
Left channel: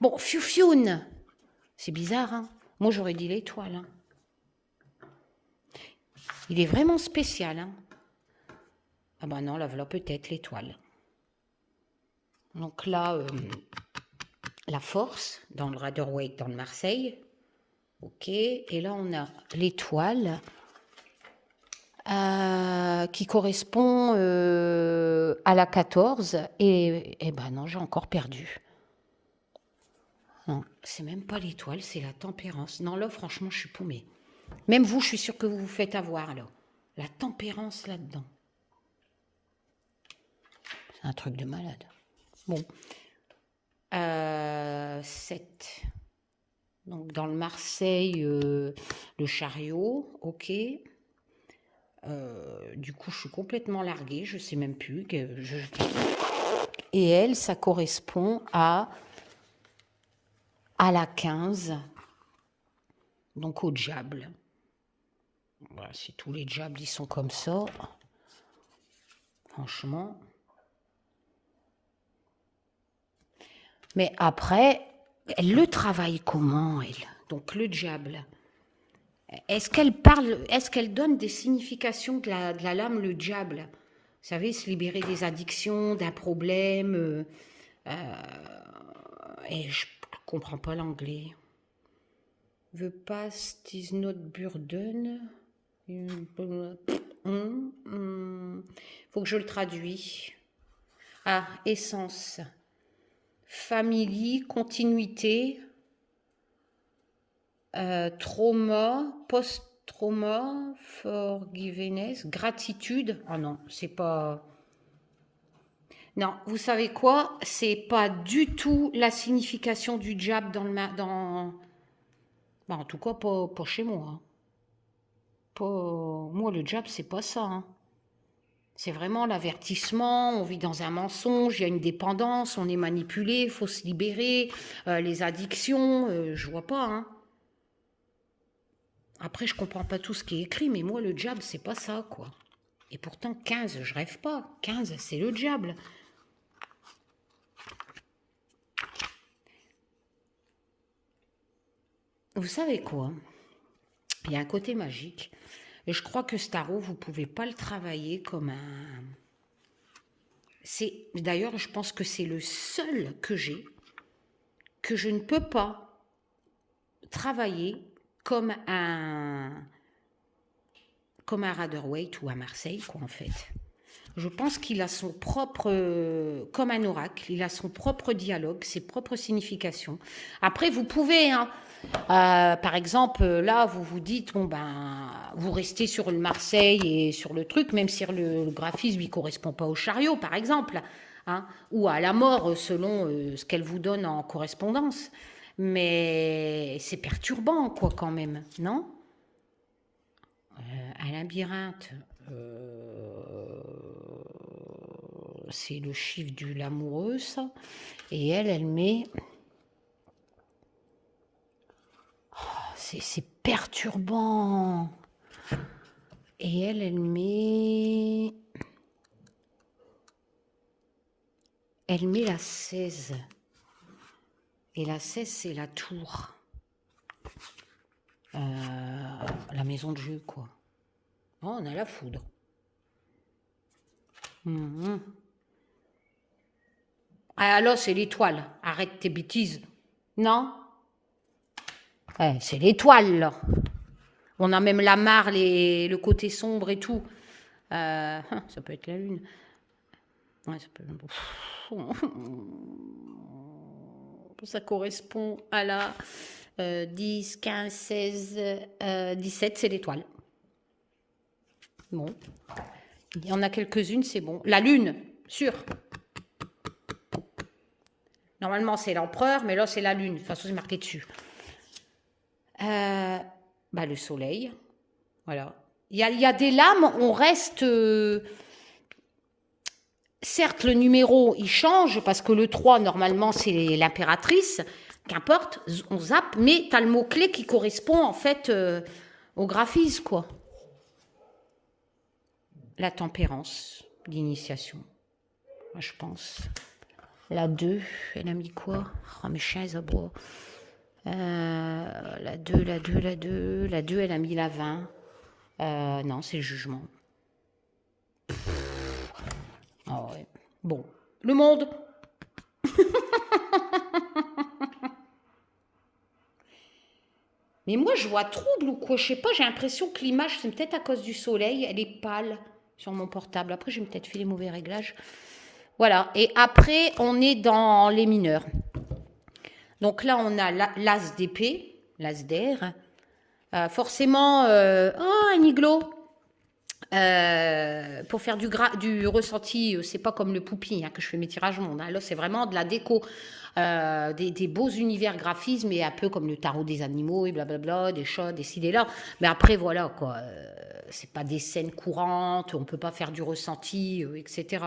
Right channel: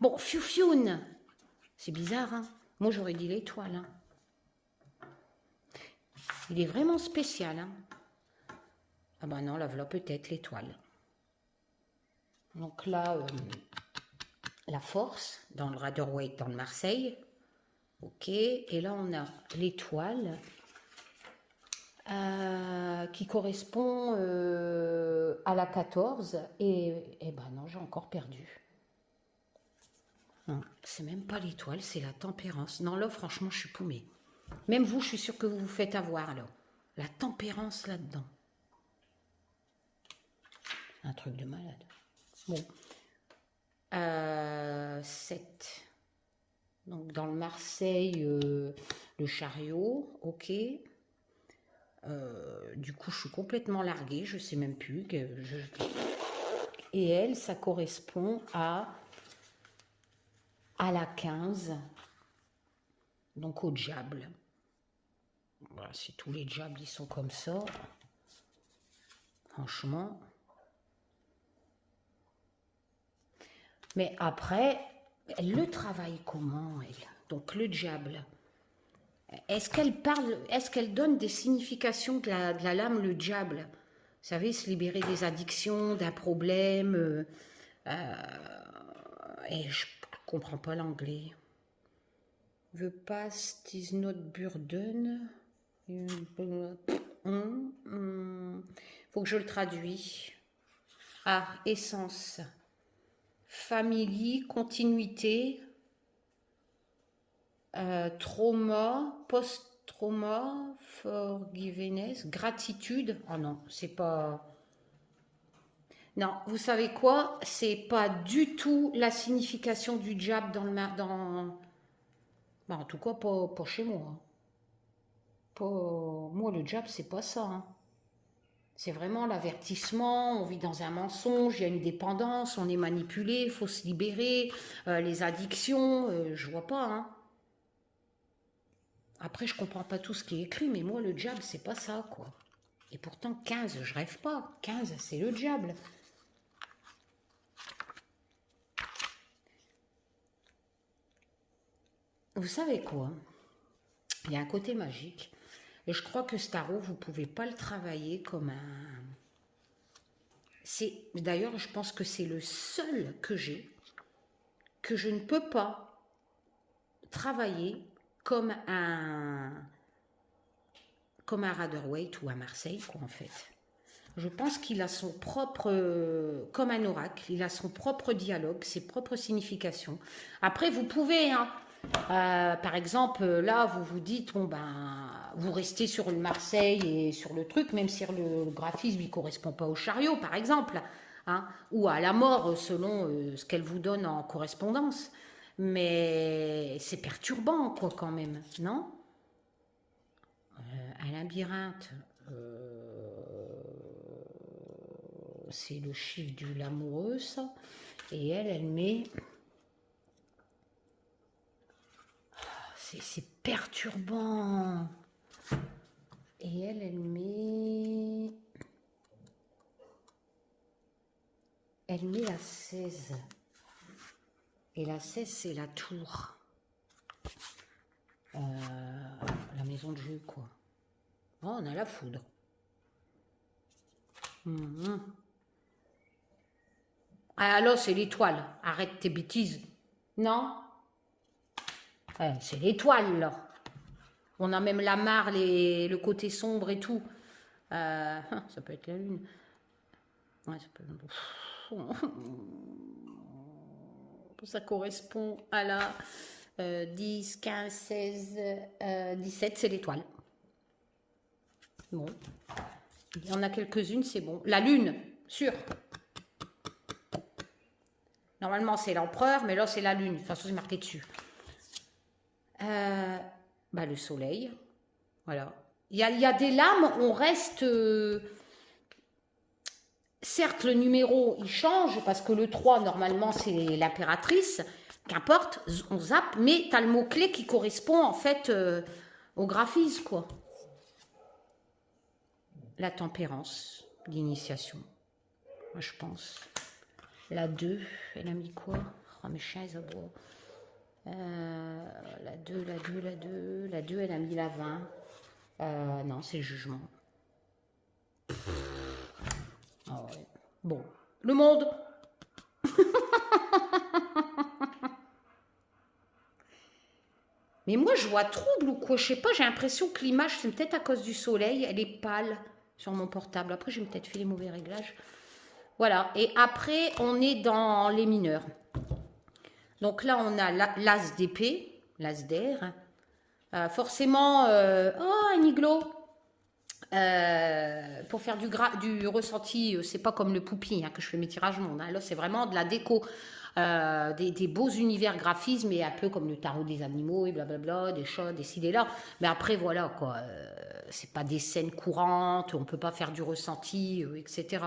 Bon, Fioune! C'est bizarre, hein? Moi, j'aurais dit l'étoile. Hein. Il est vraiment spécial, hein? Ah ben non, là, voilà peut-être l'étoile. Donc là, la force, dans le Rider-Waite, dans le Marseille. Ok, et là, on a l'étoile. Qui correspond à la 14 et ben non, j'ai encore perdu. Non, c'est même pas l'étoile, c'est la tempérance. Non, là, franchement, je suis paumée. Même vous, je suis sûre que vous vous faites avoir, alors. La tempérance là-dedans. C'est un truc de malade. Bon. 7. Donc, dans le Marseille, le chariot, ok. Du coup, je suis complètement larguée, je sais même plus. Et elle, ça correspond à la 15, donc au diable. Voilà, si tous les diables, ils sont comme ça, franchement. Mais après, elle le travaille comment, elle? Donc le diable. Est-ce qu'elle parle, est-ce qu'elle donne des significations de la lame, le diable? Vous savez, se libérer des addictions, d'un problème. Et je comprends pas l'anglais. The past is not burden. Faut que je le traduise. Ah, essence. Famille, continuité. Trauma, post-trauma, forgiveness, gratitude. Ah non, c'est pas... Non, vous savez quoi? C'est pas du tout la signification du diable dans... Bah, en tout cas, pas chez moi. Moi, le diable, c'est pas ça. Hein. C'est vraiment l'avertissement, on vit dans un mensonge, il y a une dépendance, on est manipulé, il faut se libérer, les addictions, je vois pas. Hein. Après, je comprends pas tout ce qui est écrit, mais moi, le diable, c'est pas ça, quoi. Et pourtant, 15, je rêve pas. 15, c'est le diable. Vous savez quoi? Il y a un côté magique. Et je crois que ce tarot, vous pouvez pas le travailler comme un... D'ailleurs, je pense que c'est le seul que j'ai, que je ne peux pas travailler comme un Rider-Waite ou à Marseille, quoi, en fait. Je pense qu'il a son propre, comme un oracle, il a son propre dialogue, ses propres significations. Après, vous pouvez, hein, par exemple, là, vous vous dites, bon ben, vous restez sur le Marseille et sur le truc, même si le graphisme lui correspond pas au chariot, par exemple, hein, ou à la mort, selon ce qu'elle vous donne en correspondance. Mais c'est perturbant, quoi, quand même, non? Un labyrinthe, c'est le chiffre de l'amoureux, ça. Et elle met... C'est perturbant. Et elle met... Elle met la 16. Et la 16, c'est la tour. La maison de jeu, quoi. Oh, on a la foudre. Ah, alors, c'est l'étoile. Arrête tes bêtises. Non? Ouais, c'est l'étoile, là. On a même la mare, le côté sombre et tout. Ça peut être la lune. Ouais, ça peut... Ça correspond à la 10, 15, 16, 17, c'est l'étoile. Bon. Il y en a quelques-unes, c'est bon. La lune, sûr. Normalement, c'est l'empereur, mais là, c'est la lune. De toute façon, c'est marqué dessus. Le soleil. Voilà. Il y a des lames, on reste... certes, le numéro, il change, parce que le 3, normalement, c'est l'impératrice. Qu'importe, on zappe, mais tu as le mot-clé qui correspond, en fait, au graphisme, quoi. La tempérance, l'initiation, moi, je pense. La 2, elle a mis quoi? Oh, mes chiens, ils aboient. La 2, elle a mis la 20. Non, c'est le jugement. Ah ouais. Bon, le monde. Mais moi, je vois trouble ou quoi? Je sais pas, j'ai l'impression que l'image, c'est peut-être à cause du soleil. Elle est pâle sur mon portable. Après, je vais peut-être fait les mauvais réglages. Voilà. Et après, on est dans les mineurs. Donc là, on a l'as d'épée, l'as d'air. Forcément, un iglo. Pour faire du ressenti, c'est pas comme le poupie que je fais mes tirages monde. Là, c'est vraiment de la déco. Des beaux univers graphismes, et un peu comme le tarot des animaux et blablabla, des chats, des ci, des là. Mais après, voilà, quoi. C'est pas des scènes courantes, on peut pas faire du ressenti, etc.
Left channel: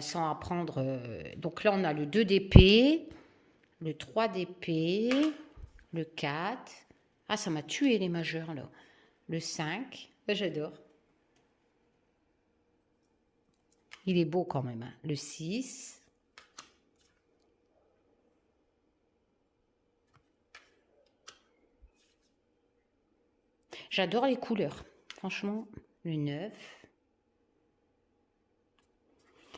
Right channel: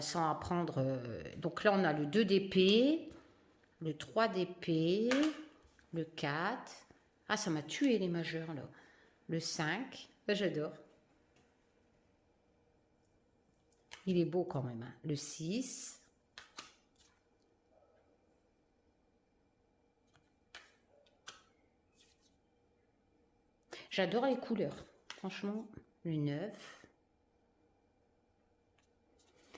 Sans apprendre. Donc là, on a le 2 d'épée, le 3 d'épée, le 4. Ah, ça m'a tué les majeurs, là. Le 5. J'adore. Il est beau quand même. Hein. Le 6. J'adore les couleurs. Franchement, le 9.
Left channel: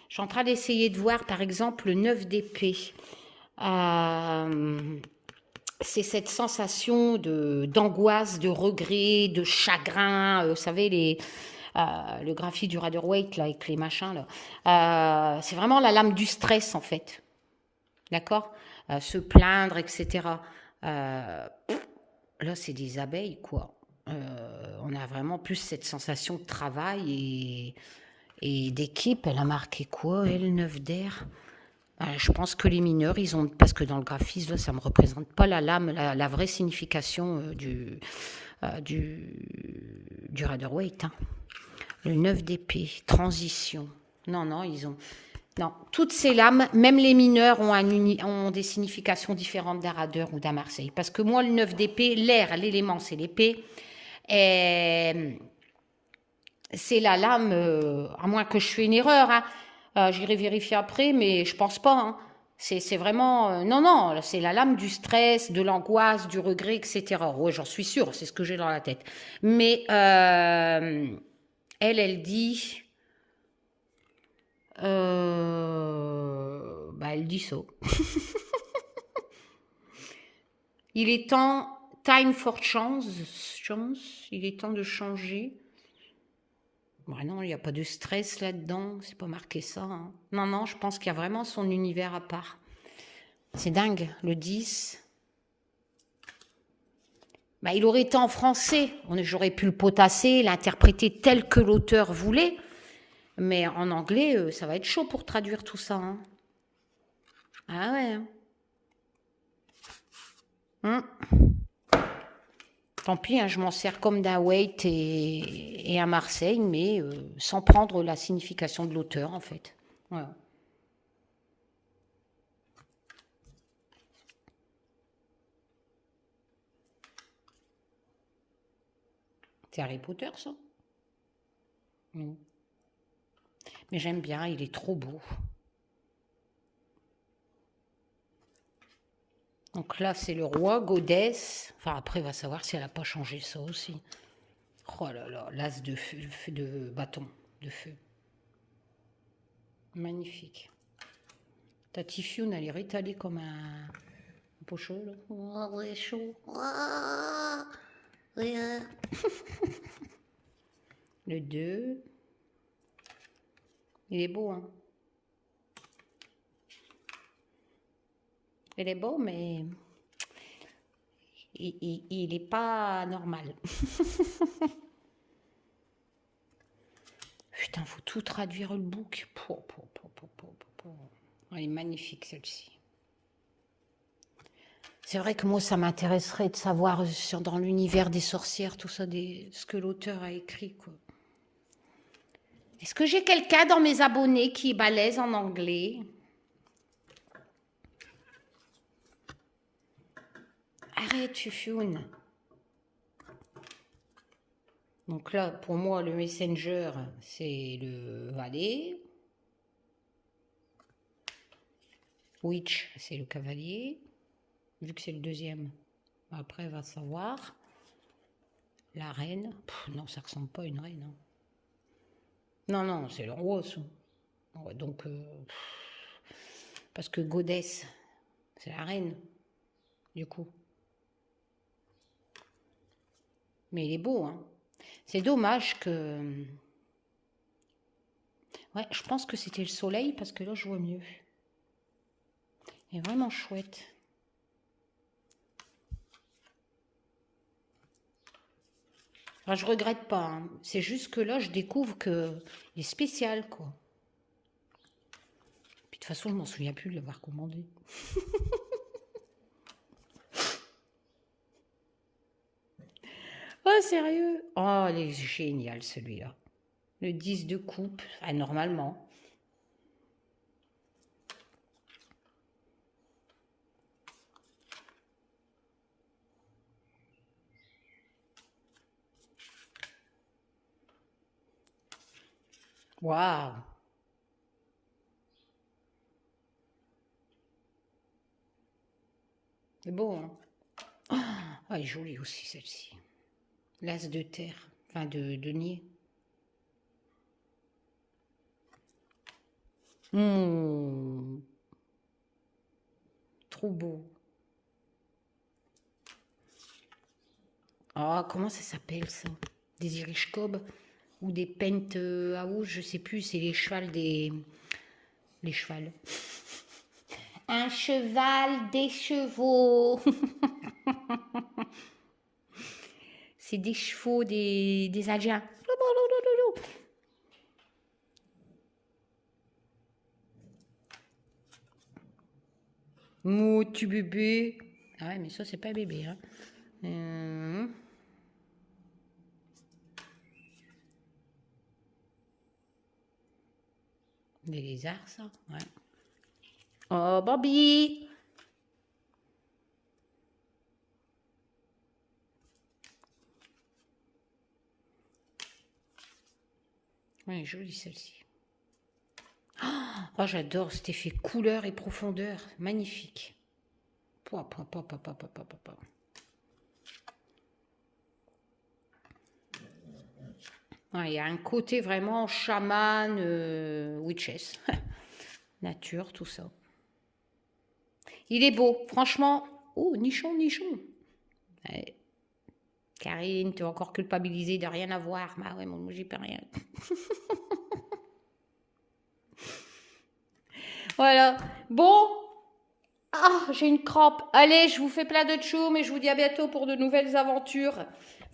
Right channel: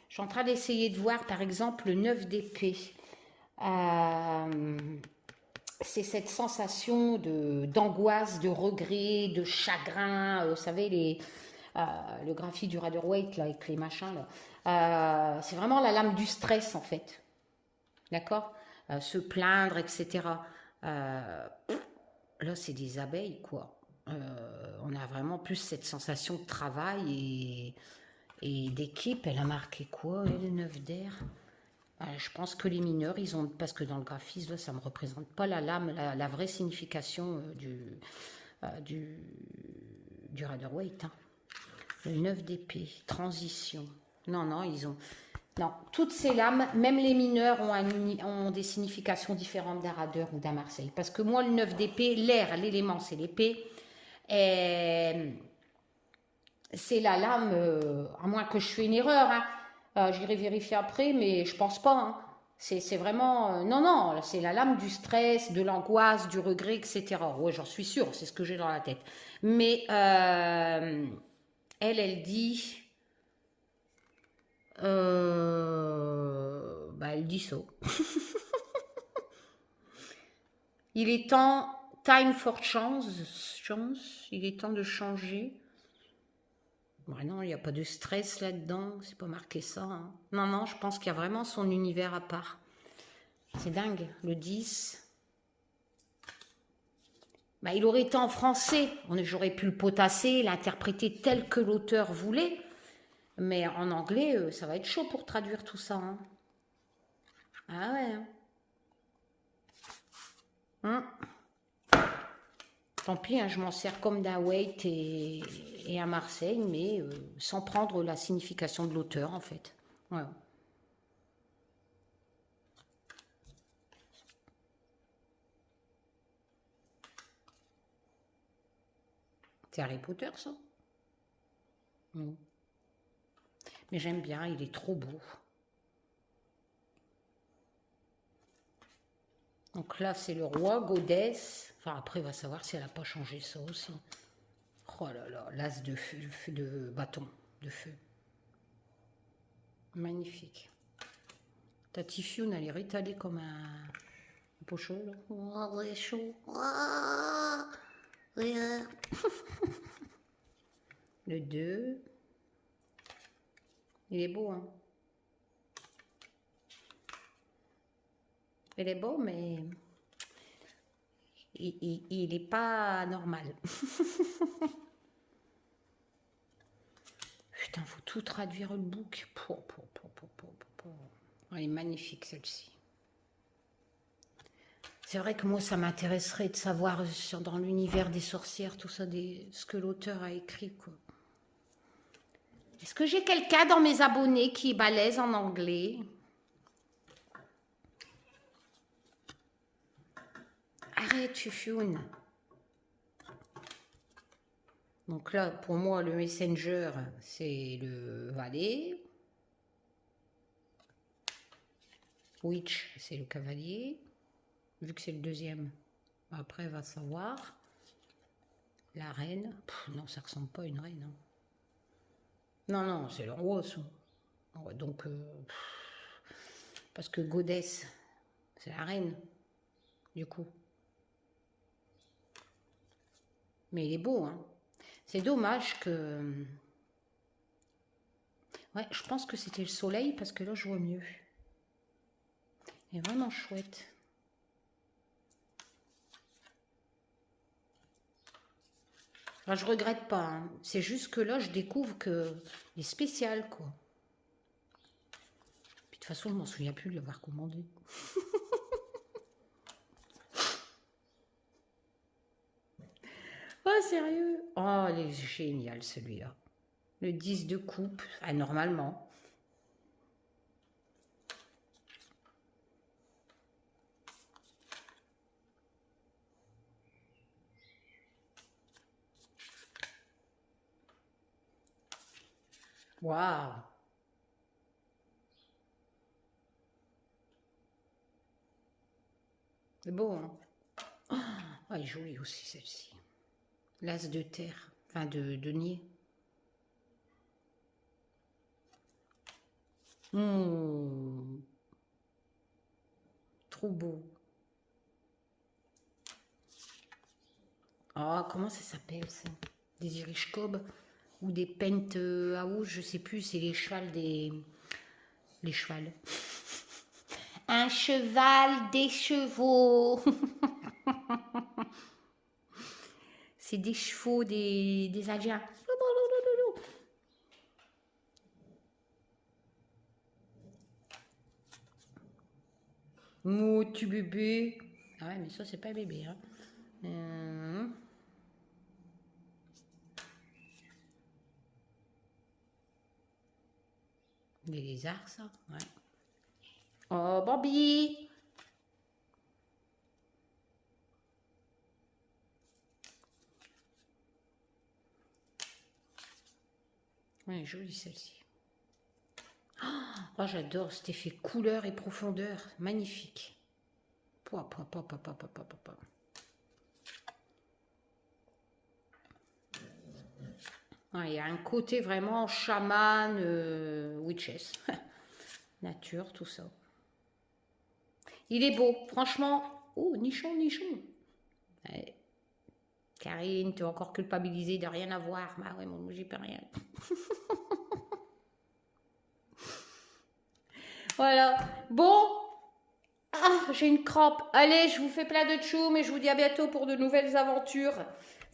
Je suis en train d'essayer de voir, par exemple, le 9 d'épée. C'est cette sensation d'angoisse, de regret, de chagrin. Vous savez, le graphie du Rider-Waite, là, avec les machins. Là. C'est vraiment la lame du stress, en fait. D'accord? Se plaindre, etc. Là, c'est des abeilles, quoi. On a vraiment plus cette sensation de travail et d'équipe. Elle a marqué quoi, elle, 9 d'air? Je pense que les mineurs, ils ont, parce que dans le graphisme, là, ça ne me représente pas la lame, la vraie signification du Rider-Waite. Hein. Le 9 d'épée, transition. Non, ils ont... Non, toutes ces lames, même les mineurs, ont des significations différentes d'un Rider ou d'un Marseille. Parce que moi, le 9 d'épée, l'air, l'élément, c'est l'épée. Et c'est la lame, à moins que je fasse une erreur, j'irai vérifier après, mais je pense pas. Hein. C'est vraiment... non, c'est la lame du stress, de l'angoisse, du regret, etc. Ouais, j'en suis sûre, c'est ce que j'ai dans la tête. Mais elle dit... elle dit ça. Il est temps... Time for chance, il est temps de changer. Bah non, il n'y a pas de stress là-dedans, c'est pas marqué ça, hein. Non, non, je pense qu'il y a vraiment son univers à part. C'est dingue, le 10. Bah, il aurait été en français, j'aurais pu le potasser, l'interpréter tel que l'auteur voulait, mais en anglais, ça va être chaud pour traduire tout ça, hein. Ah ouais. Tant pis, hein, je m'en sers comme d'un Wait et à Marseille, mais sans prendre la signification de l'auteur, en fait. Voilà. C'est Harry Potter, ça? Non. Mais j'aime bien, il est trop beau. Donc là, c'est le roi, Godess. Enfin, après, on va savoir si elle n'a pas changé ça aussi. Oh là là, l'as de feu, de bâton, de feu. Magnifique. Ta Tifune, elle est rétalée comme un pochon, là. Oh, ouais, chaud. Oh, ouais. Le 2. Il est beau, hein. Il est beau, mais il n'est pas normal. Putain, faut tout traduire le book. Elle est magnifique, celle-ci. C'est vrai que moi, ça m'intéresserait de savoir dans l'univers des sorcières, tout ça, ce que l'auteur a écrit, quoi. Est-ce que j'ai quelqu'un dans mes abonnés qui est balèze en anglais? Arrête, Fufune. Donc là, pour moi, le messenger, c'est le valet. Witch, c'est le cavalier. Vu que c'est le deuxième. Après, va savoir. La reine. Non, ça ressemble pas à une reine. Hein. Non, non, c'est le roi, ça. Ouais, donc, parce que Godess, c'est la reine, du coup. Mais il est beau, hein. C'est dommage que... Ouais, je pense que c'était le soleil, parce que là, je vois mieux. Il est vraiment chouette. Alors, je regrette pas, hein. C'est juste que là, je découvre qu'il est spécial, quoi. Puis, de toute façon, je m'en souviens plus de l'avoir commandé. Oh, sérieux? Oh, il est génial, celui-là. Le 10 de coupe, anormalement. Waouh! C'est beau, hein? Oh, elle est jolie aussi, celle-ci. L'as de terre, enfin de denier. Trop beau. Ah, comment ça s'appelle, ça? Des Irish Cob ou des Pent House, je sais plus, c'est les chevals des... Les chevals. Un cheval, des chevaux. C'est des chevaux des Indiens. Tu bébé. Ah ouais, mais ça, c'est pas bébé, hein. Des lézards, ça, ouais. Oh, Bobby! Oui, jolie celle-ci. Oh, j'adore cet effet couleur et profondeur. Magnifique. Ouais, il y a un côté vraiment chaman, witches. Nature, tout ça. Il est beau, franchement. Oh, nichon, nichon. Ouais. Karine, tu es encore culpabilisée de rien avoir. Bah ouais, moi, j'y peux rien. Voilà. Bon. Ah, j'ai une crampe. Allez, je vous fais plein de tchoum et je vous dis à bientôt pour de nouvelles aventures.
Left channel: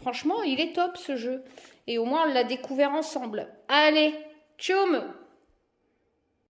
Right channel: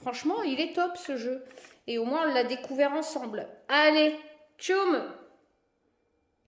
Franchement, il est top ce jeu. Et au moins, on l'a découvert ensemble. Allez, tchoum!